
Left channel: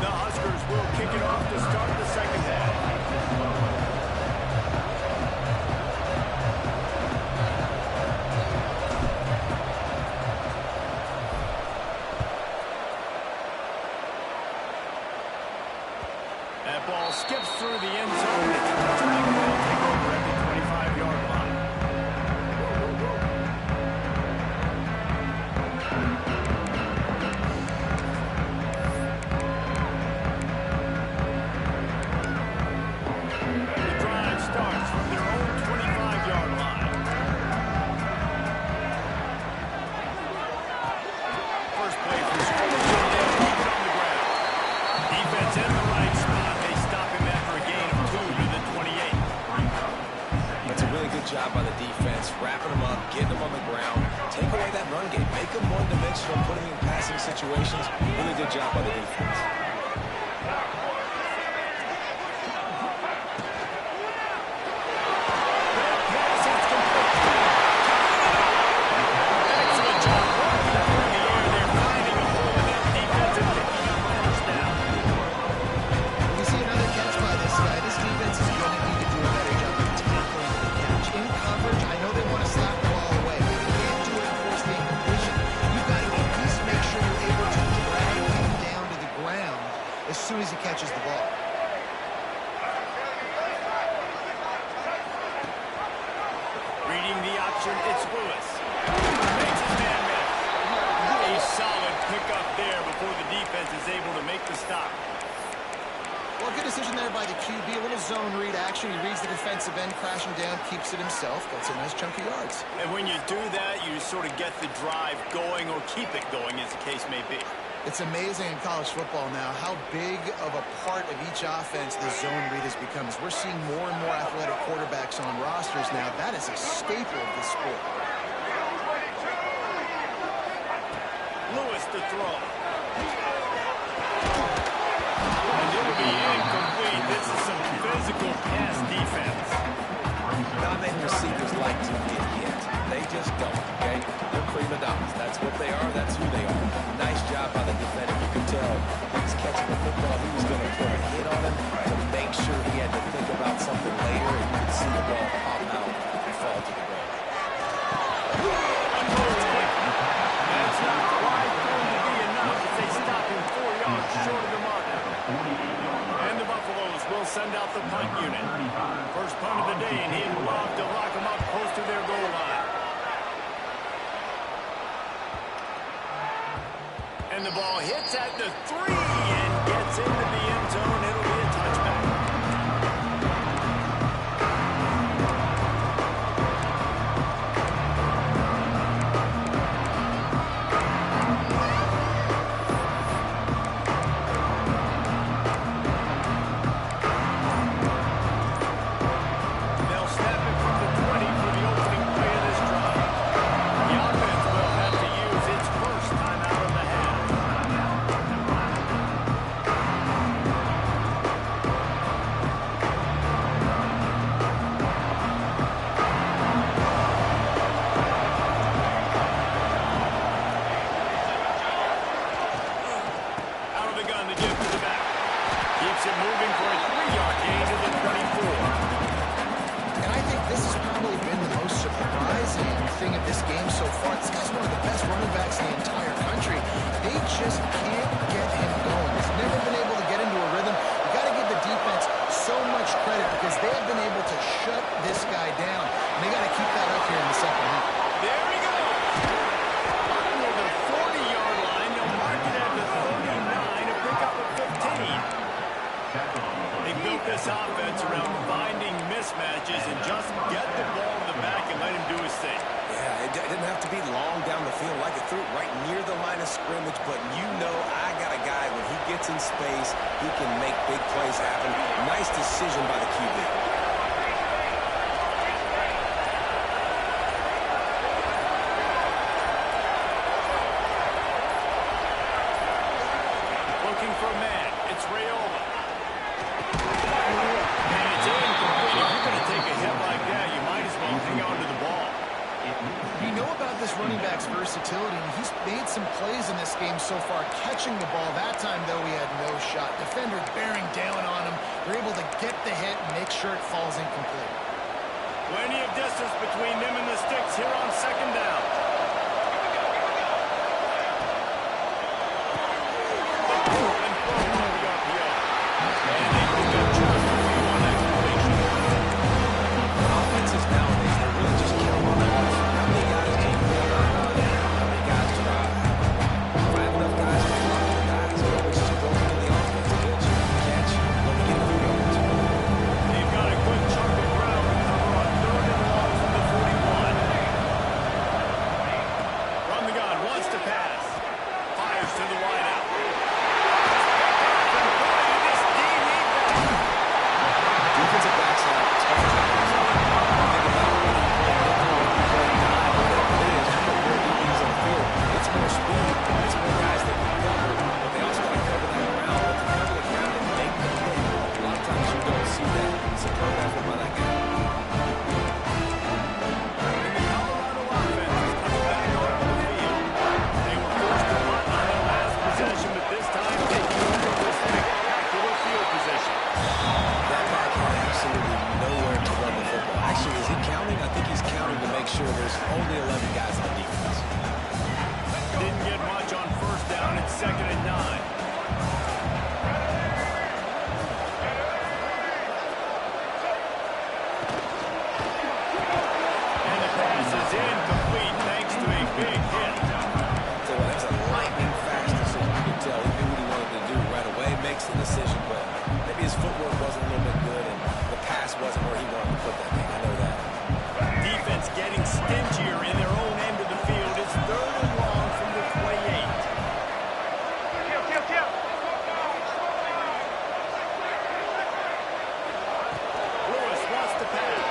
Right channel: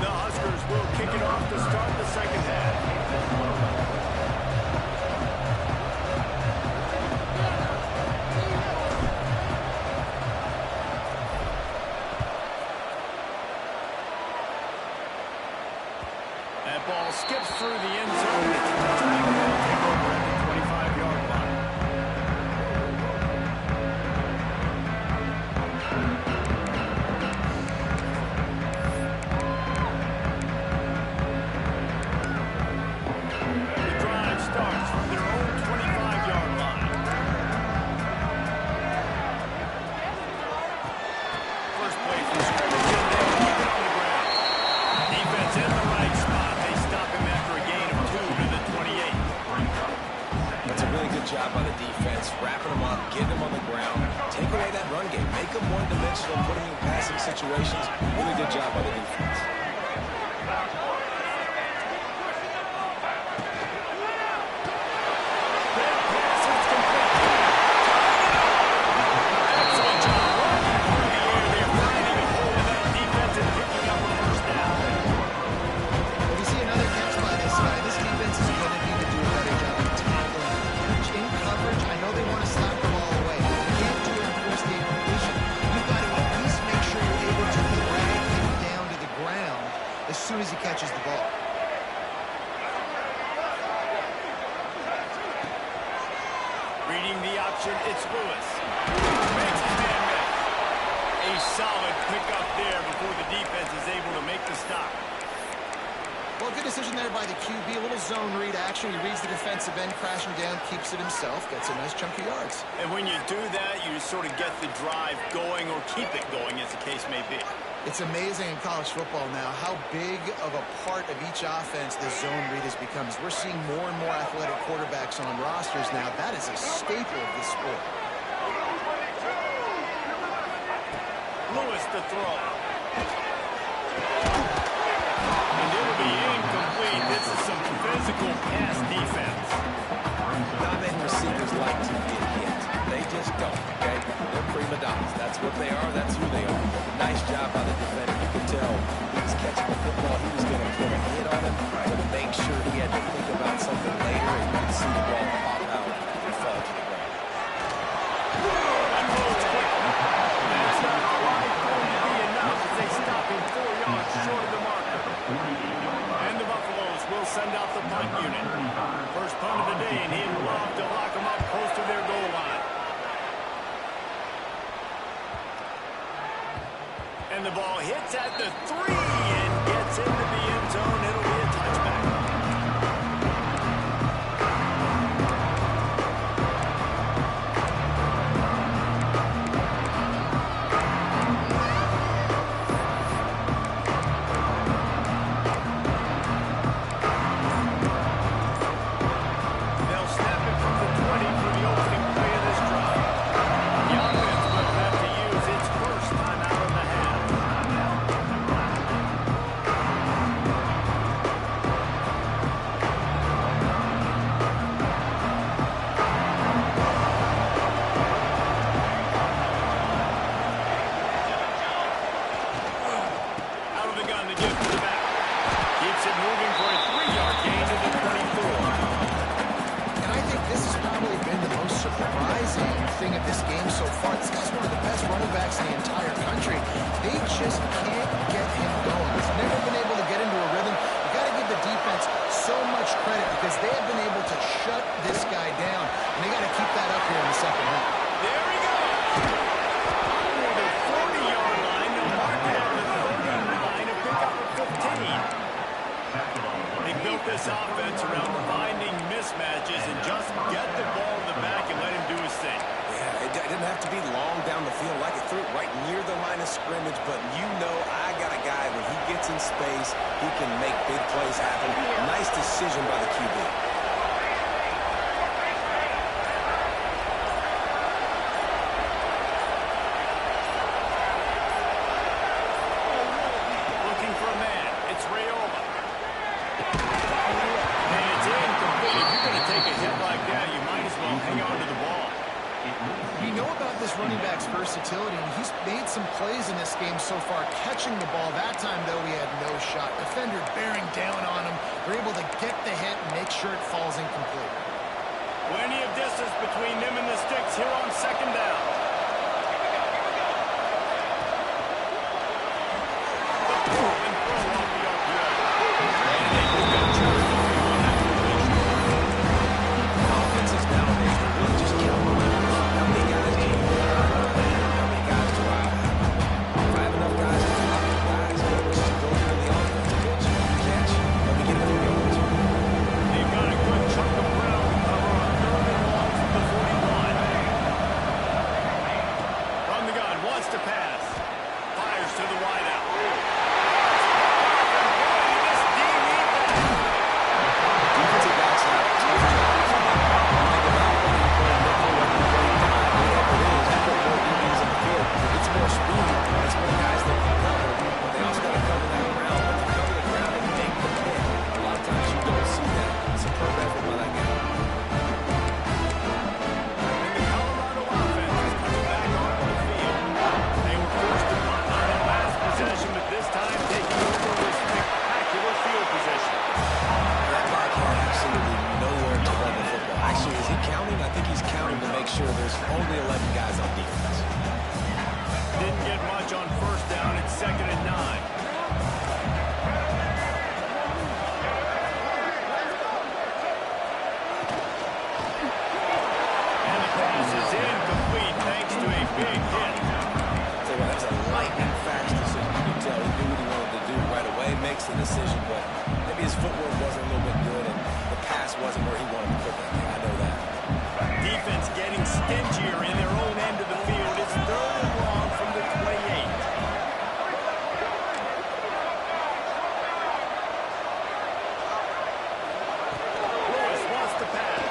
The Huskers will kick it off to start the second half. That ball skips through the end zone. It's returning. They'll take over at the 25-yard line. The drive starts from their own 25-yard line. First play from scrimmage, and they'll keep it on the ground. Defense in the right spot. They stop him after a gain of 2 to the 28. That's a really good job by the defense, wrapping them up, getting them on the ground, take away that run game, make them one-dimensional, putting them in passing situations. Really good job by the defense. That pass is complete. Tying it up. Excellent job walking through the air. They're finding a hole in that defense and picking up a first down. When you see another catch by this guy, this defense is going to need to do a better job of tackling the catch. In coverage, I know they want to slap the ball away, but you can't do it and force the incompletion. You've got to at least make sure you're able to drag him down to the ground as soon as he catches the ball. Reading the option, it's Lewis. Makes his man miss. A solid pickup there before the defense is able to make the stop. Well, good decision there by the QB. A little zone read action. He reads the defensive end, crashing down, keeps it himself, gets a nice chunk of yards. And when you do that, you sort of get the drive going or keep it going, as the case may be. It's amazing in college football now how big of a part of each offense the zone read has become. As we're seeing more and more athletic quarterbacks on rosters now, that is a staple of this sport. Lewis to throw. And it'll be incomplete. This is some physical pass defense. Not many receivers like to get hit. They just don't, okay? They're prima donnas. That's what they are. That's who they are. Nice job by the defender. You could tell he was catching the football. He was going to put a hit on him to make sure he had to think about something later, and you could see the ball pop out and fall to the ground. Unloads quickly. That's not quite going to be enough as they stop him 4 yards short of the marker. And the Buffaloes will send out the punt unit. First punt of the day, and he'd love to lock them up close to their goal line. And the ball hits at the 3 and gets into the end zone. It'll be a touchback. They'll snap it from the 20 for the opening play of this drive. The offense will have to use its first time out of amazing thing of this game so far. This guy's one of the best running backs in the entire country. They just can't get him going. He's never been able to get into a rhythm. You got to give the defense so much credit because they have been able to shut this guy down, and they got to keep that up here in the second half. There he goes. Under the 40-yard line, they'll mark it at the 39, a pickup of 15. They built this offense around finding mismatches and just get the ball to the back and let him do his thing. Yeah, it didn't have to be long down the field. Like it threw it right near the line of scrimmage, but you know I got a guy, when he gets in space, he can make big plays happen. Nice decision by the QB. Looking for a man. It's Raiola. And it's incomplete. If you're going to take a hit like that, you might as well hang on to the ball. You know about this running back's versatility, and he's made some plays in this game so far, catching the ball. That time, though, he had no shot. Defender bearing down on him. They're able to get the hit and make sure it falls incomplete. Plenty of distance between them and the sticks here on second down. The pull and throw off the RPO. And they pick up just a few on that completion. Offenses nowadays, they're really just counting on numbers. How many guys do you want to run? How many guys do I have? If I have enough guys to block the guys, it's just built into the offense. Catch, let me get a few yards. They've got a good chunk of ground to cover on third and long from the 41. From the gun, wants to pass. Fires to the wideout. Defensive backs have tough jobs. Think about whether you play nickel, whether you play dime, whatever it is, you put more DBs on the field. It's more speed, it's more guys that can cover, but they also got to cover that ground. But to cover the ground and make the pick, a lot of times you don't see that. Superb effort by that guy. And the Colorado offense is coming back onto the field. They were forced to punt on their last possession, but this time taking over with spectacular field position. That back had absolutely nowhere to run the football. Actually, is he counting? I think he's counting to make sure there's only 11 guys on defense. Didn't get much on first down. It's second and 9. And the pass is incomplete thanks to a big hit. So that was a lightning fast decision. You can tell he knew what he wanted to do right away, makes the decision, but maybe his footwork wasn't a little bit good and the pass wasn't where he wanted to put that thing. I know that. Defense getting stingier in their own end of the field. It's third and long from the 28. Lewis wants to pass.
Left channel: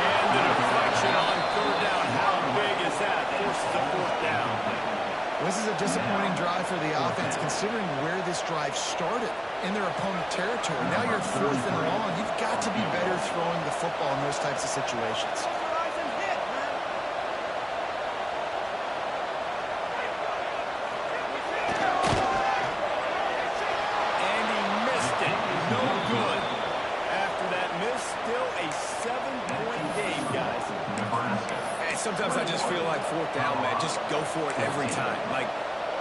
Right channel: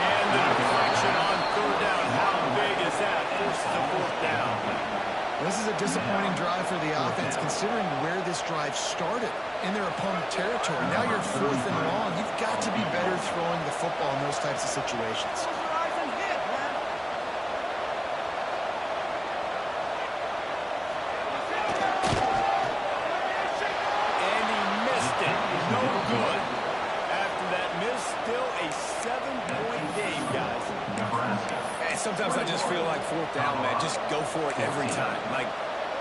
And the deflection on third down. How big is that? Forces a fourth down. This is a disappointing drive for the offense, considering where this drive started, in their opponent territory. Now you're fourth and long. You've got to be better throwing the football in those types of situations. And he missed it. No good. After that miss, still a 7-point game, guys. And sometimes I just feel like fourth down, man, just go for it every time. Like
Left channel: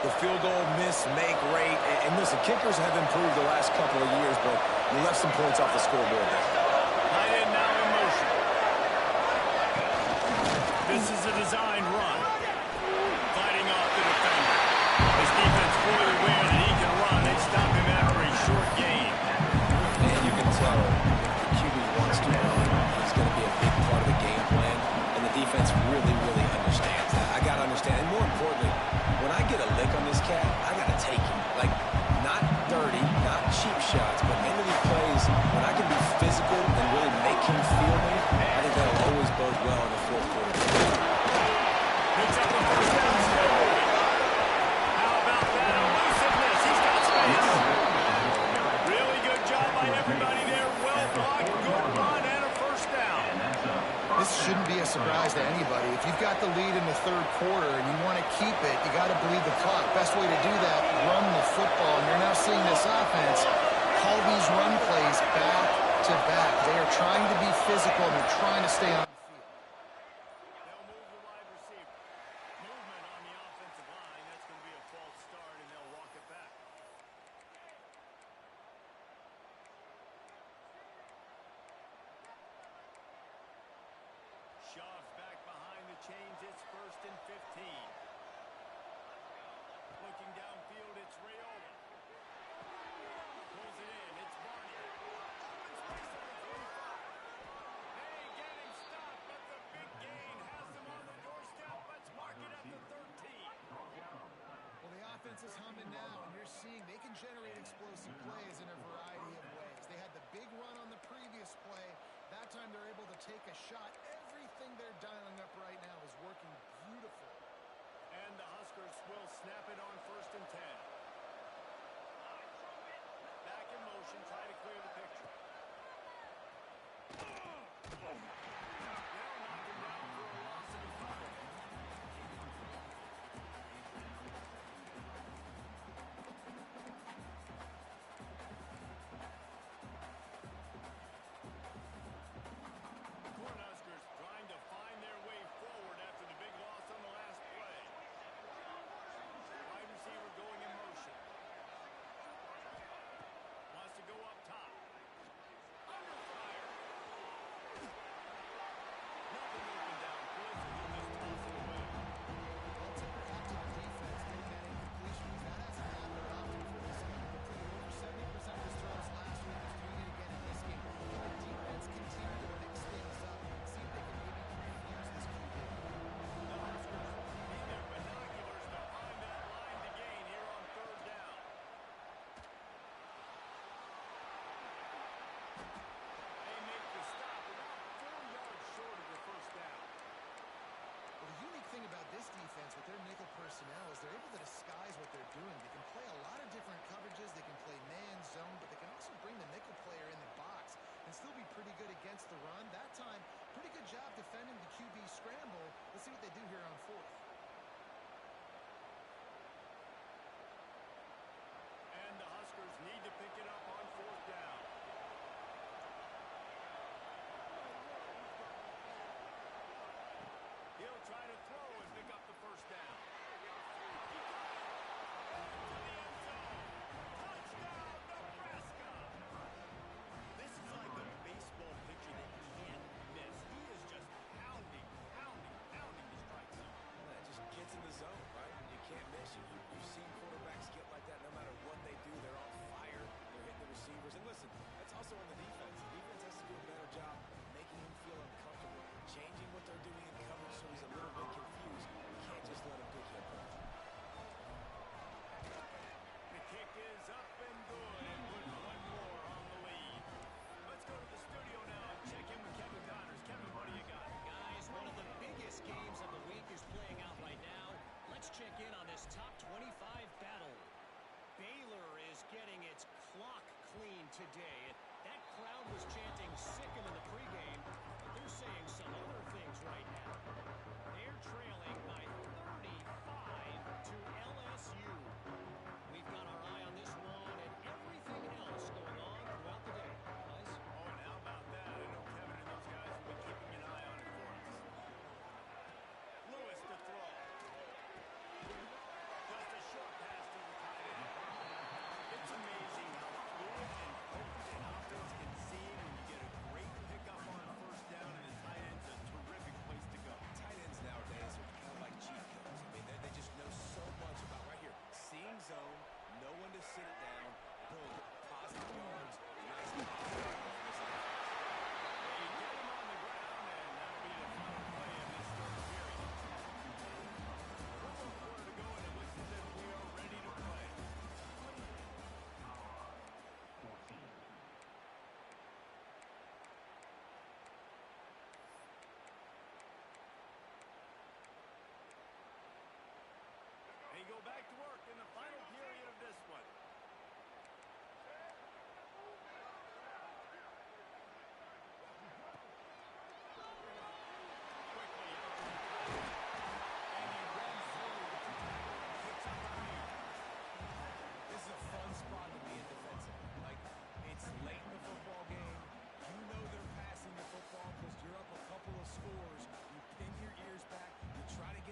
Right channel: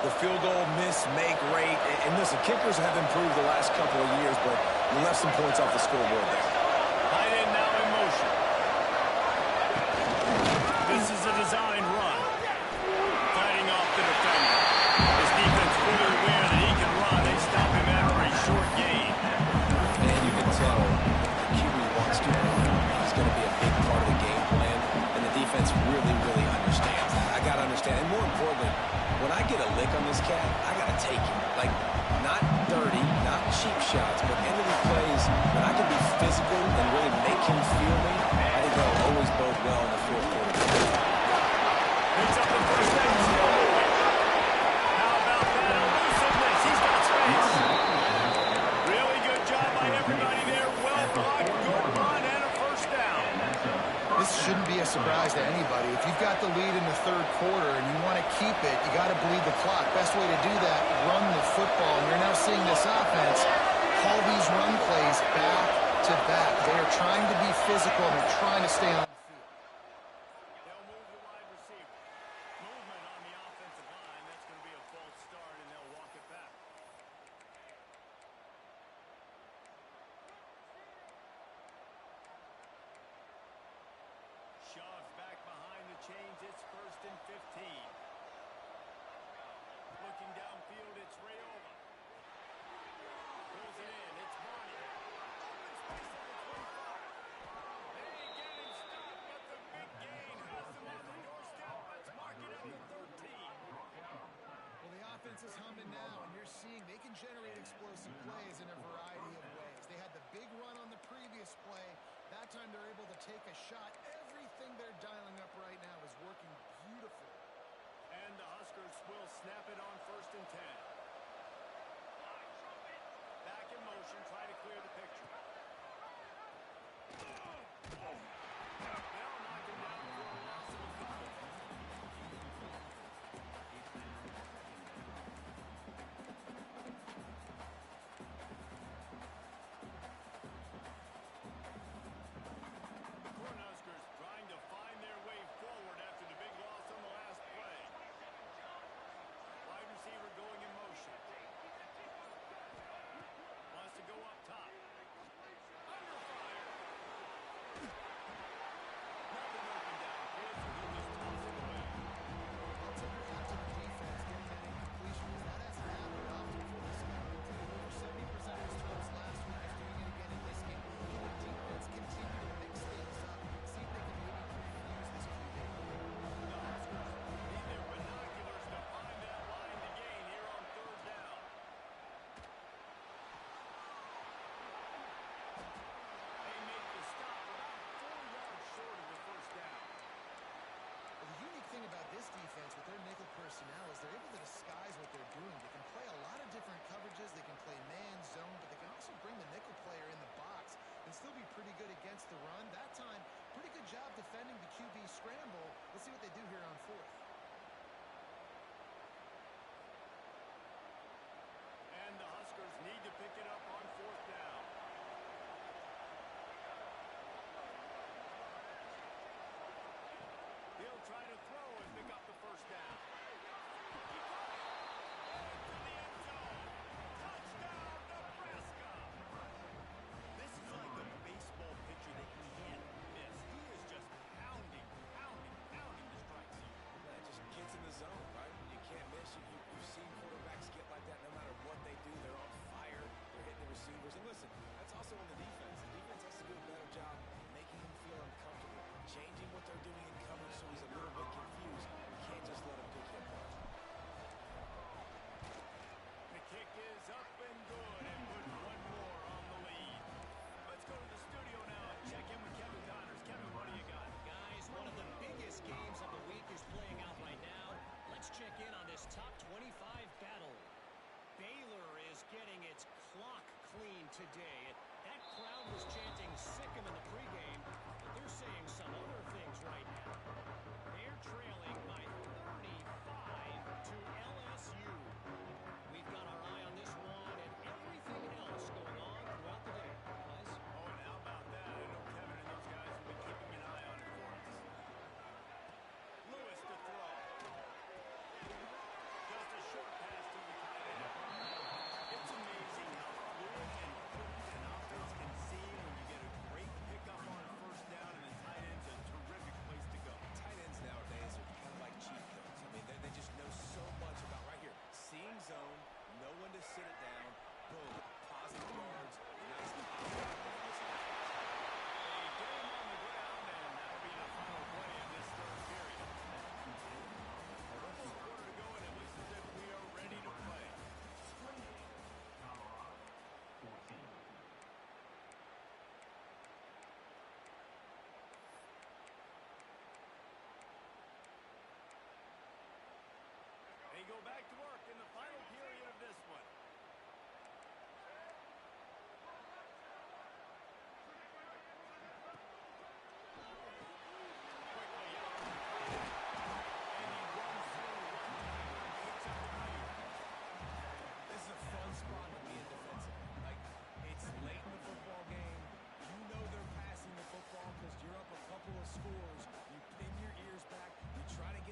the field goal miss, make rate. And listen, kickers have improved the last couple of years, but you left some points off the scoreboard there. Tight end now in motion. This is a design run. Fighting off the defender. His defense fully aware that he can run. They stop him after a short gain. And you can tell the QB wants to run. He's going to be a big part of the game plan. And the defense really, really understands that. I got to understand. And more importantly, when I get a lick on this cat, I got to take it. Like, not dirty, not cheap shots, but end of these plays, when I can be physical and really make him feel me, I think that'll always bode well in the fourth quarter. Picks up the first down, still moving. How about that elusiveness? He's got space. Really good job by everybody there. Well blocked, good run, and a first down. This shouldn't be a surprise to anybody. If you've got the lead in the third quarter and you want to keep it, you got to bleed the clock. Best way to do that, run the football. And you're now seeing this offense call these run plays back back-to-back. They are trying to be physical, and they're trying to stay on the field. They'll move the wide receiver. Movement on the offensive line. That's going to be a false start, and they'll walk it back. Shoves back behind the chains. It's 1st and 15. Looking downfield, it's Rayola. Pulls it in. It's Barney. Open space at the 25. They get him stopped, but the big gain has them on the doorstep. Let's mark it at the 13. Well, the offense is humming now, and you're seeing they can generate explosive plays in a variety of ways. They had the big run on the previous play. That time they're able to take a shot. Everything they're dialing up right now is working beautiful. And the Huskers will snap it on 1st and 10. Back in motion, try to clear the picture. They'll knock him down for a loss of a couple. Cornhuskers trying to find their way forward after the big loss on the last play. Wide receiver going in motion. Wants to go up top. Under fire. Nothing open downfield, so he'll just toss it away. I'll tip your hat to the defense getting that incompletion, because that hasn't happened often for this guy. He completed over 70% of his throws last week. He's doing it again in this game. Can the defense continue to mix things up, see if they can maybe confuse this QB? The Huskers need their binoculars to find that line to gain here on 3rd down. They make the stop about 4 yards short of the 1st down. Well, the unique thing about this defense with their nickel personnel is they're able to disguise what they're doing. They can play a lot of different coverages. They can play man, zone, but they can also bring the nickel player in the box and still be pretty good against the run. That time, pretty good job defending the QB scramble. Let's see what they do here on 4th. And the Huskers need to pick it up on 4th down. He'll try to throw and pick up the 1st down. He got it! Into the end zone. Touchdown, Nebraska! This is like a baseball pitcher that you can't miss. He is just pounding the strike zone. Yeah, it just gets in the zone, right? You can't miss it. You've seen quarterbacks get like that no matter what they do. They're on fire. They're hitting the receivers. And listen, that's also on the defense. The defense has to do a better job making him feel uncomfortable, changing what they're doing in coverage so he's a little bit confused. You can't just let him pick you apart. The kick is up and good, and put one more on the lead. Let's go to the studio now and check in with Kevin Connors. Kevin, what do you got? Guys, one of the biggest games of the week is playing out right now. Let's check in on this top 25 battle. Baylor is getting its clock cleaned today. That crowd was chanting "sick 'em" in the pregame, but they're saying some other things right now. They're trailing by 35 to LSU. We've got our eye on this one and everything else going on throughout the day. Guys? Oh, and how about that? I know Kevin and those guys will be keeping an eye on it for us. Lewis to throw. Just a short pass to the tight end. It's amazing how fluid and potent an offense can seem when you get a great pickup on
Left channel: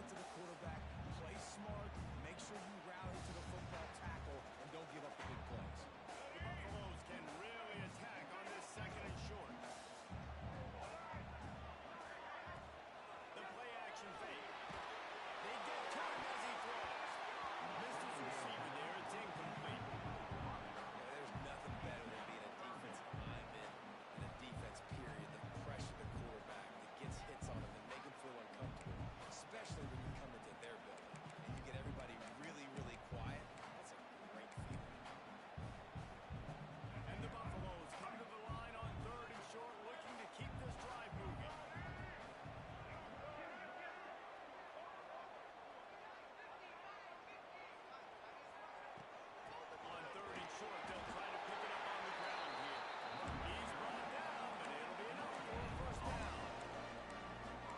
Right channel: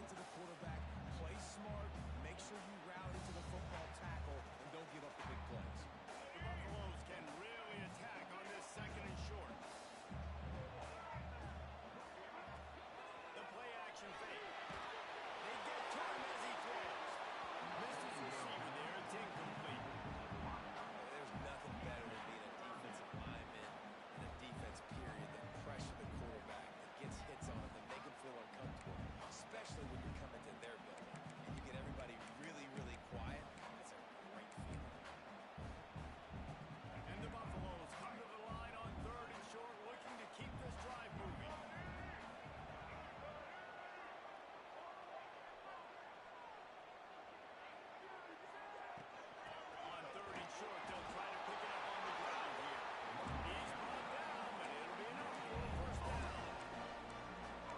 to the quarterback, play smart, make sure you rally to the football tackle, and don't give up the big plays. The Buffaloes can really attack on this 2nd and short. The play action fake. They get to him as he throws. Missed his receiver there. It's incomplete. There's nothing better than being a defensive lineman in a defense period that pressure the quarterback, that gets hits on him, that make him feel uncomfortable, especially when you come into their building and you get everybody really, really quiet. That's a great feeling. And the Buffaloes come to the line on 3rd and short, looking to keep this drive moving. On 3rd and short, they'll try to pick it up on the ground here. He's brought down, but it'll be enough for a 1st down.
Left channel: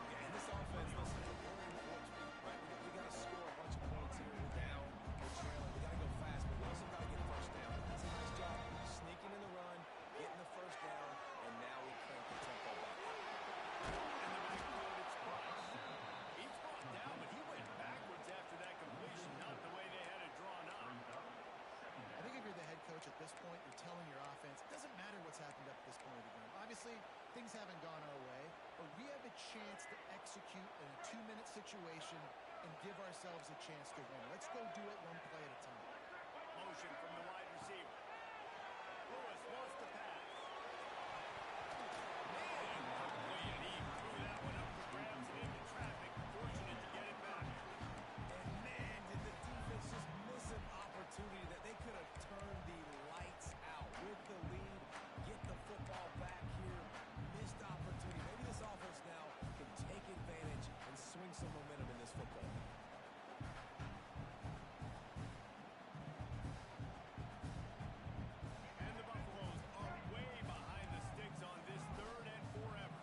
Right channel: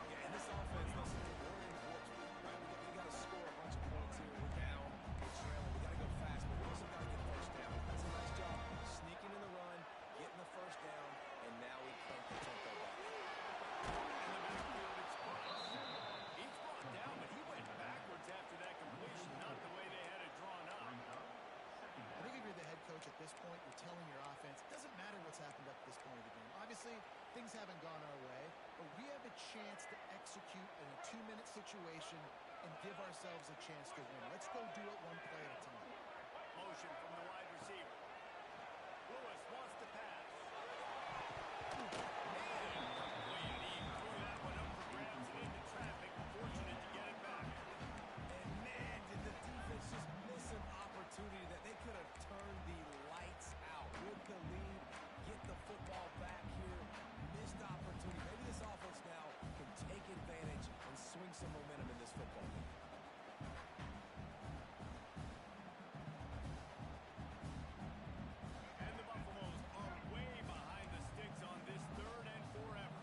Yeah, and this offense, listen, we're in warp speed, right? We got to score a bunch of points here. We're down, we're trailing. We got to go fast, but we also got to get 1st down. That's a nice job sneaking in the run, getting the 1st down, and now we crank the tempo back up. In the backfield, it's Price. He's brought down, but he went backwards after that completion, not the way they had it drawn up. I think if you're the head coach at this point, you're telling your offense, it doesn't matter what's happened up to this point of the game. Obviously, things haven't gone our way, but we have a chance to execute in a 2-minute situation and give ourselves a chance to win. Let's go do it one play at a time. Motion from the wide receiver. Lewis wants to pass. And complete. He threw that one up for grabs and into traffic. Fortunate to get it back. And man, did the defense just miss an opportunity that they could have turned the lights out with the lead, get the football back here. Missed opportunity. Maybe this offense now can take advantage and swing some momentum in this football game. And the Buffaloes are way behind the sticks on this 3rd and forever.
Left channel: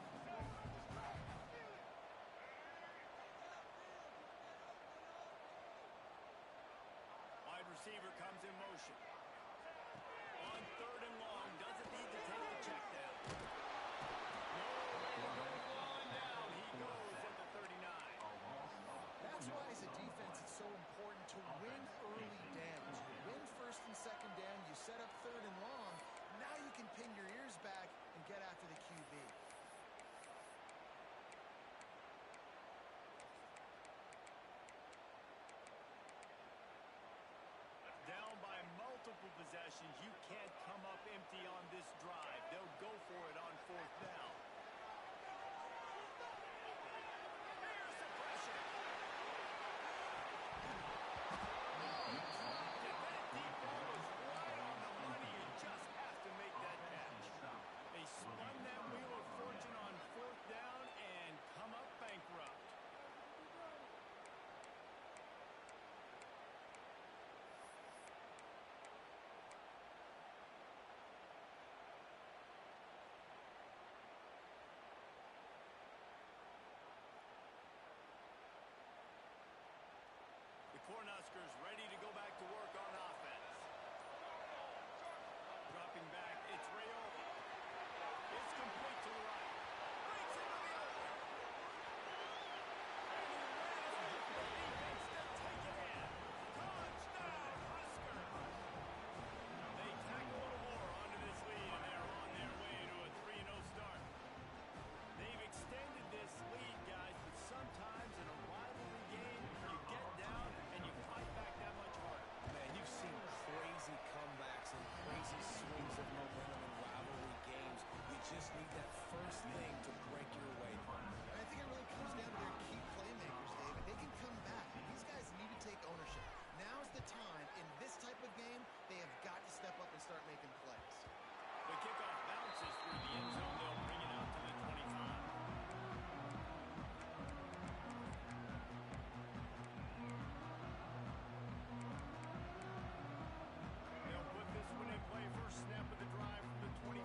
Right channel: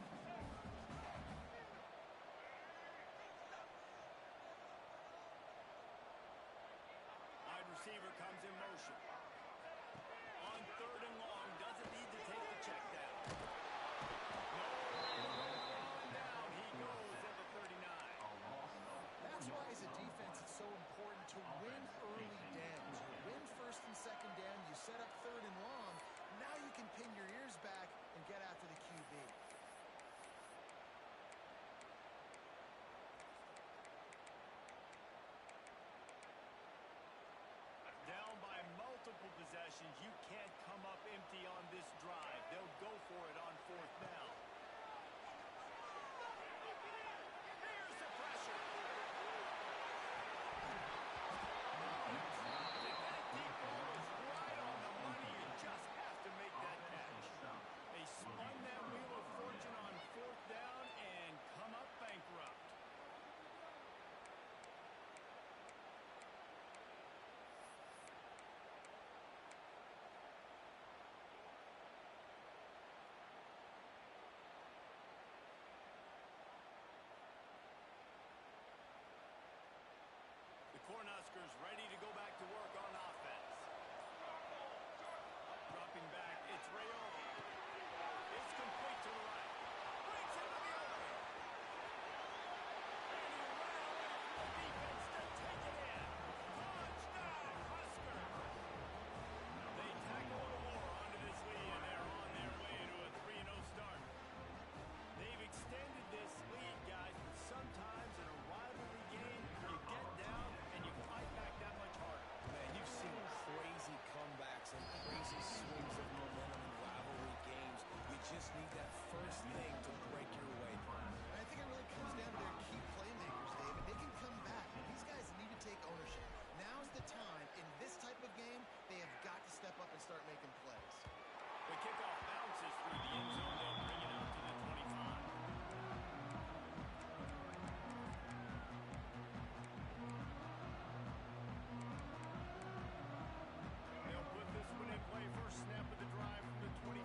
Wide receiver comes in motion. On 3rd and long, doesn't need to take the check down. No way to go crawling down. He goes at the 39. That's why, as a defense, it's so important to win early downs. You win 1st and 2nd down, you set up 3rd and long. Now you can pin your ears back and get after the QB. Down by multiple possessions. You can't come up empty on this drive. They'll go for it on 4th down. Here's the pressure. Oh, he dropped it. That deep ball was right on the money. You just have to make that catch. They spun that wheel of fortune on 4th down and come up bankrupt. The Cornhuskers ready to go back to work on offense. Dropping back, it's Rayola. It's complete to the right. Breaks into the open. And he ran the defense to take it in. Touchdown, Huskers. They tack a little more onto this lead, and they're on their way to a 3-0 start. They've extended this lead, guys, but sometimes in a rivalry game, you get down and you fight back that much harder. Man, you've seen crazy comebacks and crazy swings of momentum in rivalry games. You just need that first thing to break your way through. And I think it really comes down to their key playmakers, David. They can come back. These guys need to take ownership. Now's the time. In this type of game, they have got to step up and start making plays. The kickoff bounces through the end zone. They'll bring it out to the 25. They'll put this one in play. First snap of the drive from the 25.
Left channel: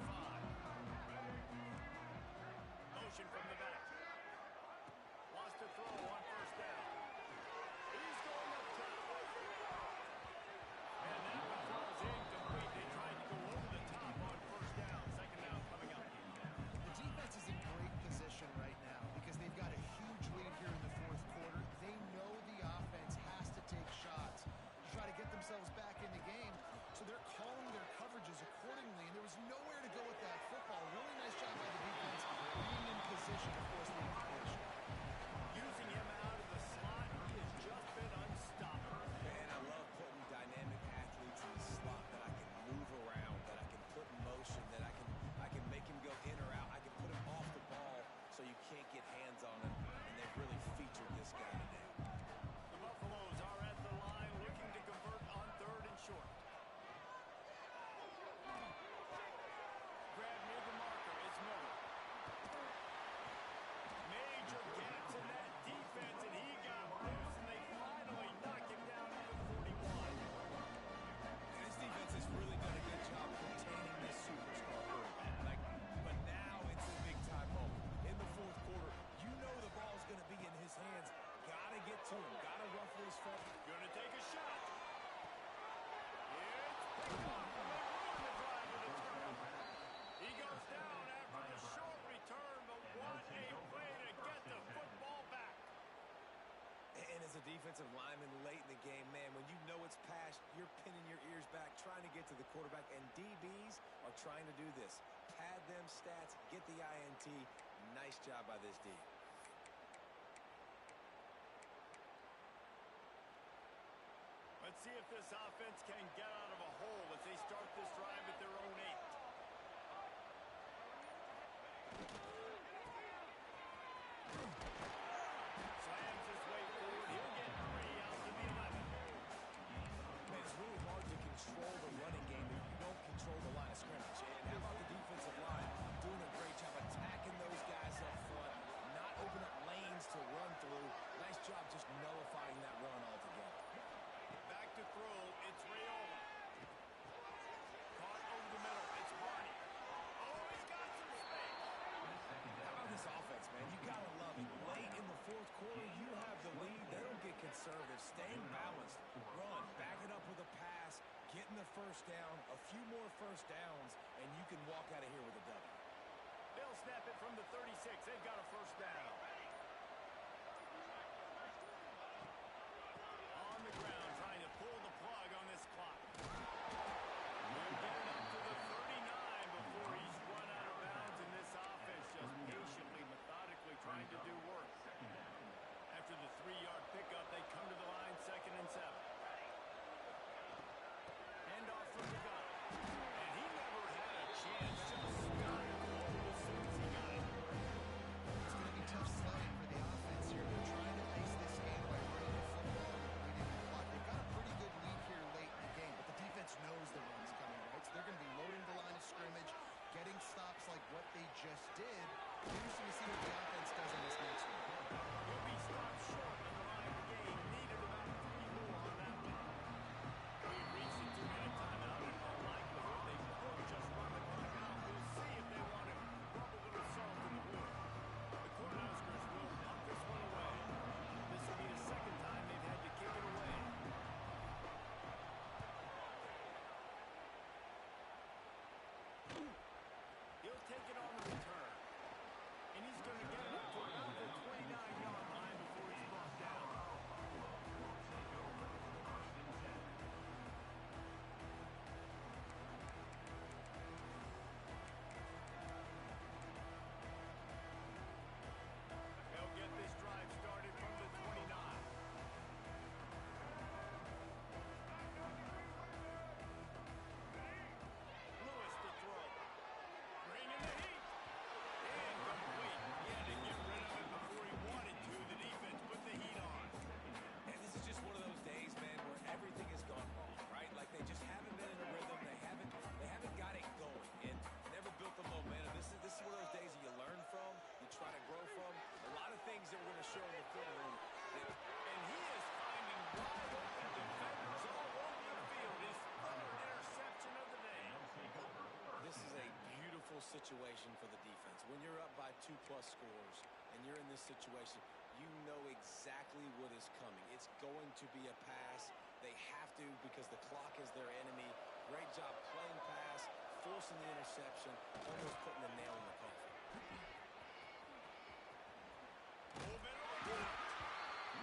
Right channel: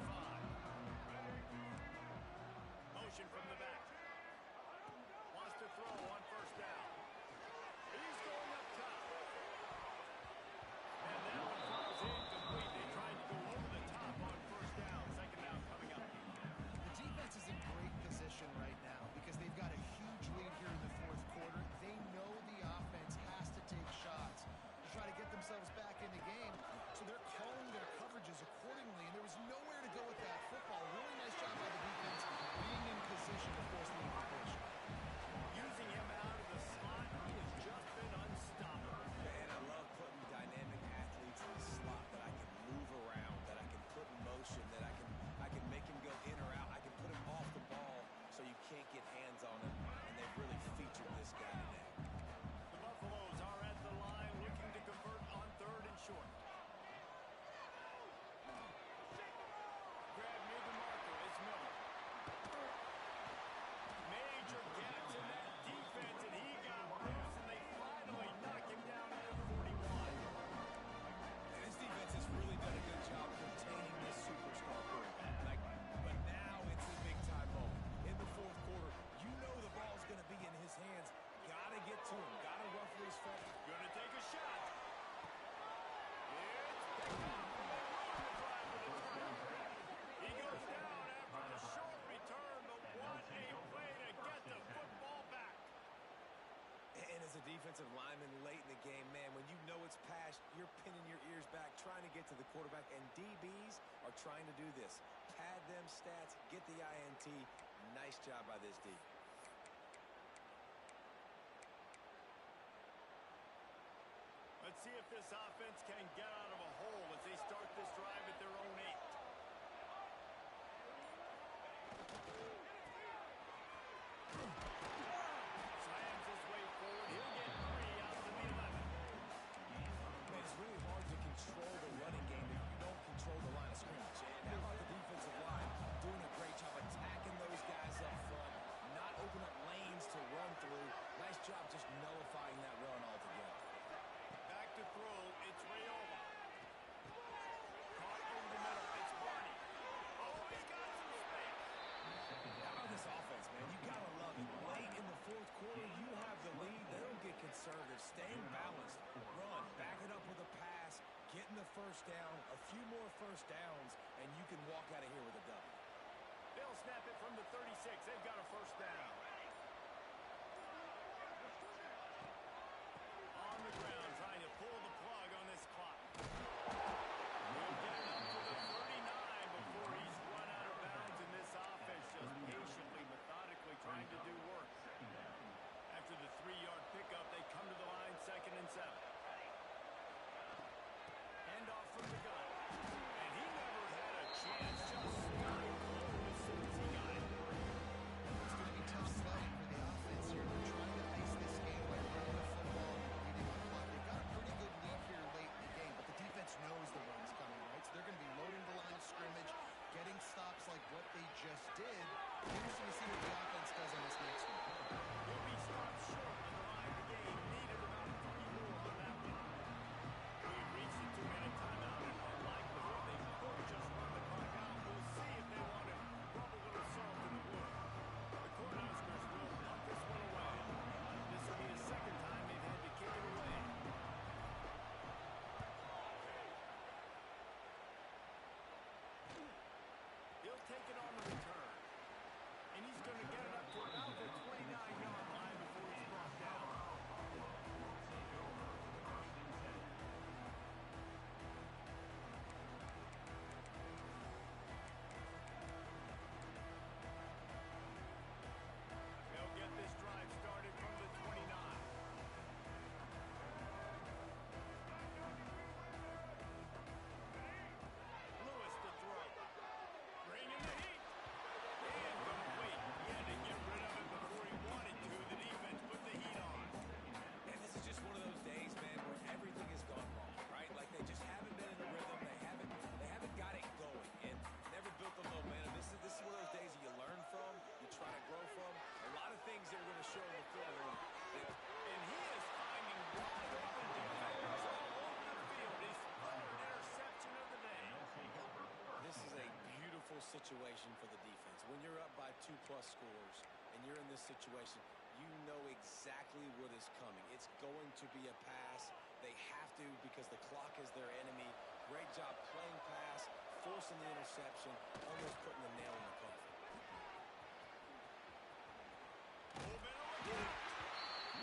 Motion from the back. Wants to throw on 1st down. He's going up top. And that one falls incomplete. They tried to go over the top on 1st down. 2nd down coming up. The defense is in great position right now because they've got a huge lead here in the 4th quarter. They know can't get hands on him, and they've really featured this guy today. The Buffaloes are at the line looking to convert on 3rd and short. Grab near the marker. It's Miller. Major gaps in that defense, and he got loose, and they finally knock him down at the 41. And this defense has really done a good job containing this superstar quarterback. But now it's a big-time moment. In the 4th quarter, you know the ball's going to be in his hands. Got to get to him. Got to ruffle his feathers. Going to take a shot. It's picked off, and they ruin the drive with a turnover. He goes down after the short return, but what a play to get the football back. And as a defensive lineman late in the game, man, when you know it's past, you're pinning your ears back, trying to get to the quarterback, and DBs are trying to do this. Pad them stats, get the INT. Nice job by this D. Let's see if this offense can get out of a hole as they start this drive at their own 8. Slams his way forward. He'll get 3 out to the 11. Man, it's really hard to control the running game if you don't control the line of scrimmage. And how about the defensive line doing a great job attacking those guys up front, not open up lanes to run through. Nice job just nullifying that run altogether. Back to throw. It's Rayola. Caught over the middle. It's Barney. Oh, he's got some space. How about this offense, man? You got to love it. Late in the 4th quarter, you have the lead. They don't get conservative. Staying balanced. Run. Back it up with a pass. Getting the first down. A few more first downs, and you can walk out of here with a W. They'll snap it from the 36. They've got a first down. On the ground, trying to pull the plug on this clock. We'll get it up to the 39 before he's run out of bounds, and this offense just patiently, methodically trying to do work. After the 3-yard pickup, they come to the line, 2nd and 7. Hand off from the gun. And he never had a chance, just stopped cold as soon as he got it. It's going to be tough sledding for the offense here. They're trying to ice this game by running the football and bleeding the clock. They've got a pretty good lead here late in the game, but the defense knows the run's coming, right? So they're going to be loading the line of scrimmage, getting stops like what they just did. Interesting to see what the offense does on this next one. He'll be stopped short of the line of the game. Needed about 3 more on that one. We've reached the 2-minute timeout, and all likelihood they could just run the clock out. We'll see if they want to rub a little salt in the wound. The Cornhuskers will punt this one away. This will be the 2nd time they've had to kick it away. He'll take it on the return. And he's going to get it up to about the 29-yard line before he's brought down. They'll get this drive started from the 29. Lewis to throw. Bringing the heat. Incomplete. He had to get rid of it before he wanted to. The defense put the heat on. And this is just one of those days, man, where everything has gone wrong, right? Like they just haven't been in a rhythm. They haven't got it going and never built the momentum. This is one of those days that you learn from, you try to grow from. A lot of things that we're going to show in the film room. And he is finding wide open defenders all over the field. His 3rd interception of the day. This is a beautiful situation for the defense. When you're up by 2+ scores and you're in this situation, you know exactly what is coming. It's going to be a pass. They have to because the clock is their enemy. Great job playing pass, forcing the interception, almost putting the nail in the coffin.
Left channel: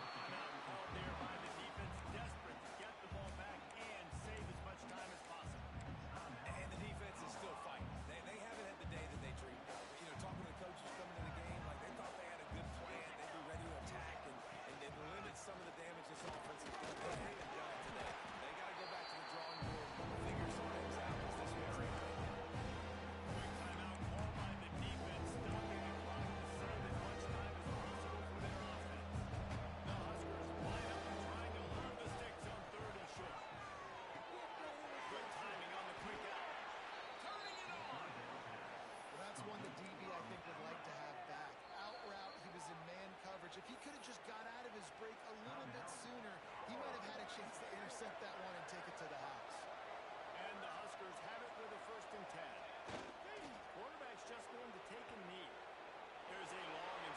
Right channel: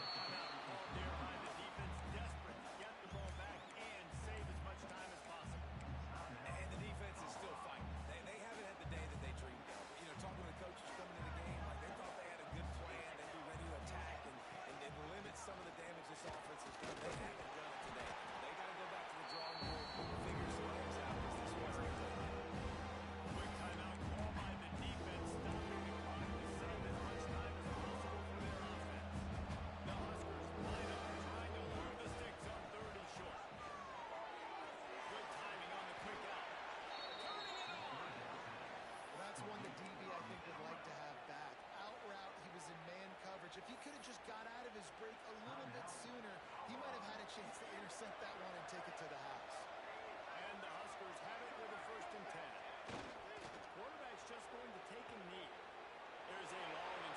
Timeout called there by the defense, desperate to get the ball back and save as much time as possible. And the defense is still fighting. They haven't had the day that they dreamed of. But, you know, talking to the coaches coming into the game, like they thought they had a good plan. They'd be ready to attack and limit some of the damage this offense has done. They haven't done it today. They got to go back to the drawing board, figure some things out because this wasn't a good. Quick timeout call by the defense. coverage. If he could have just got out of his break a little bit sooner, he might have had a chance to intercept that one and take it to the house. And the Huskers have it with a 1st and 10. Quarterback's just going to take a knee. There's a long and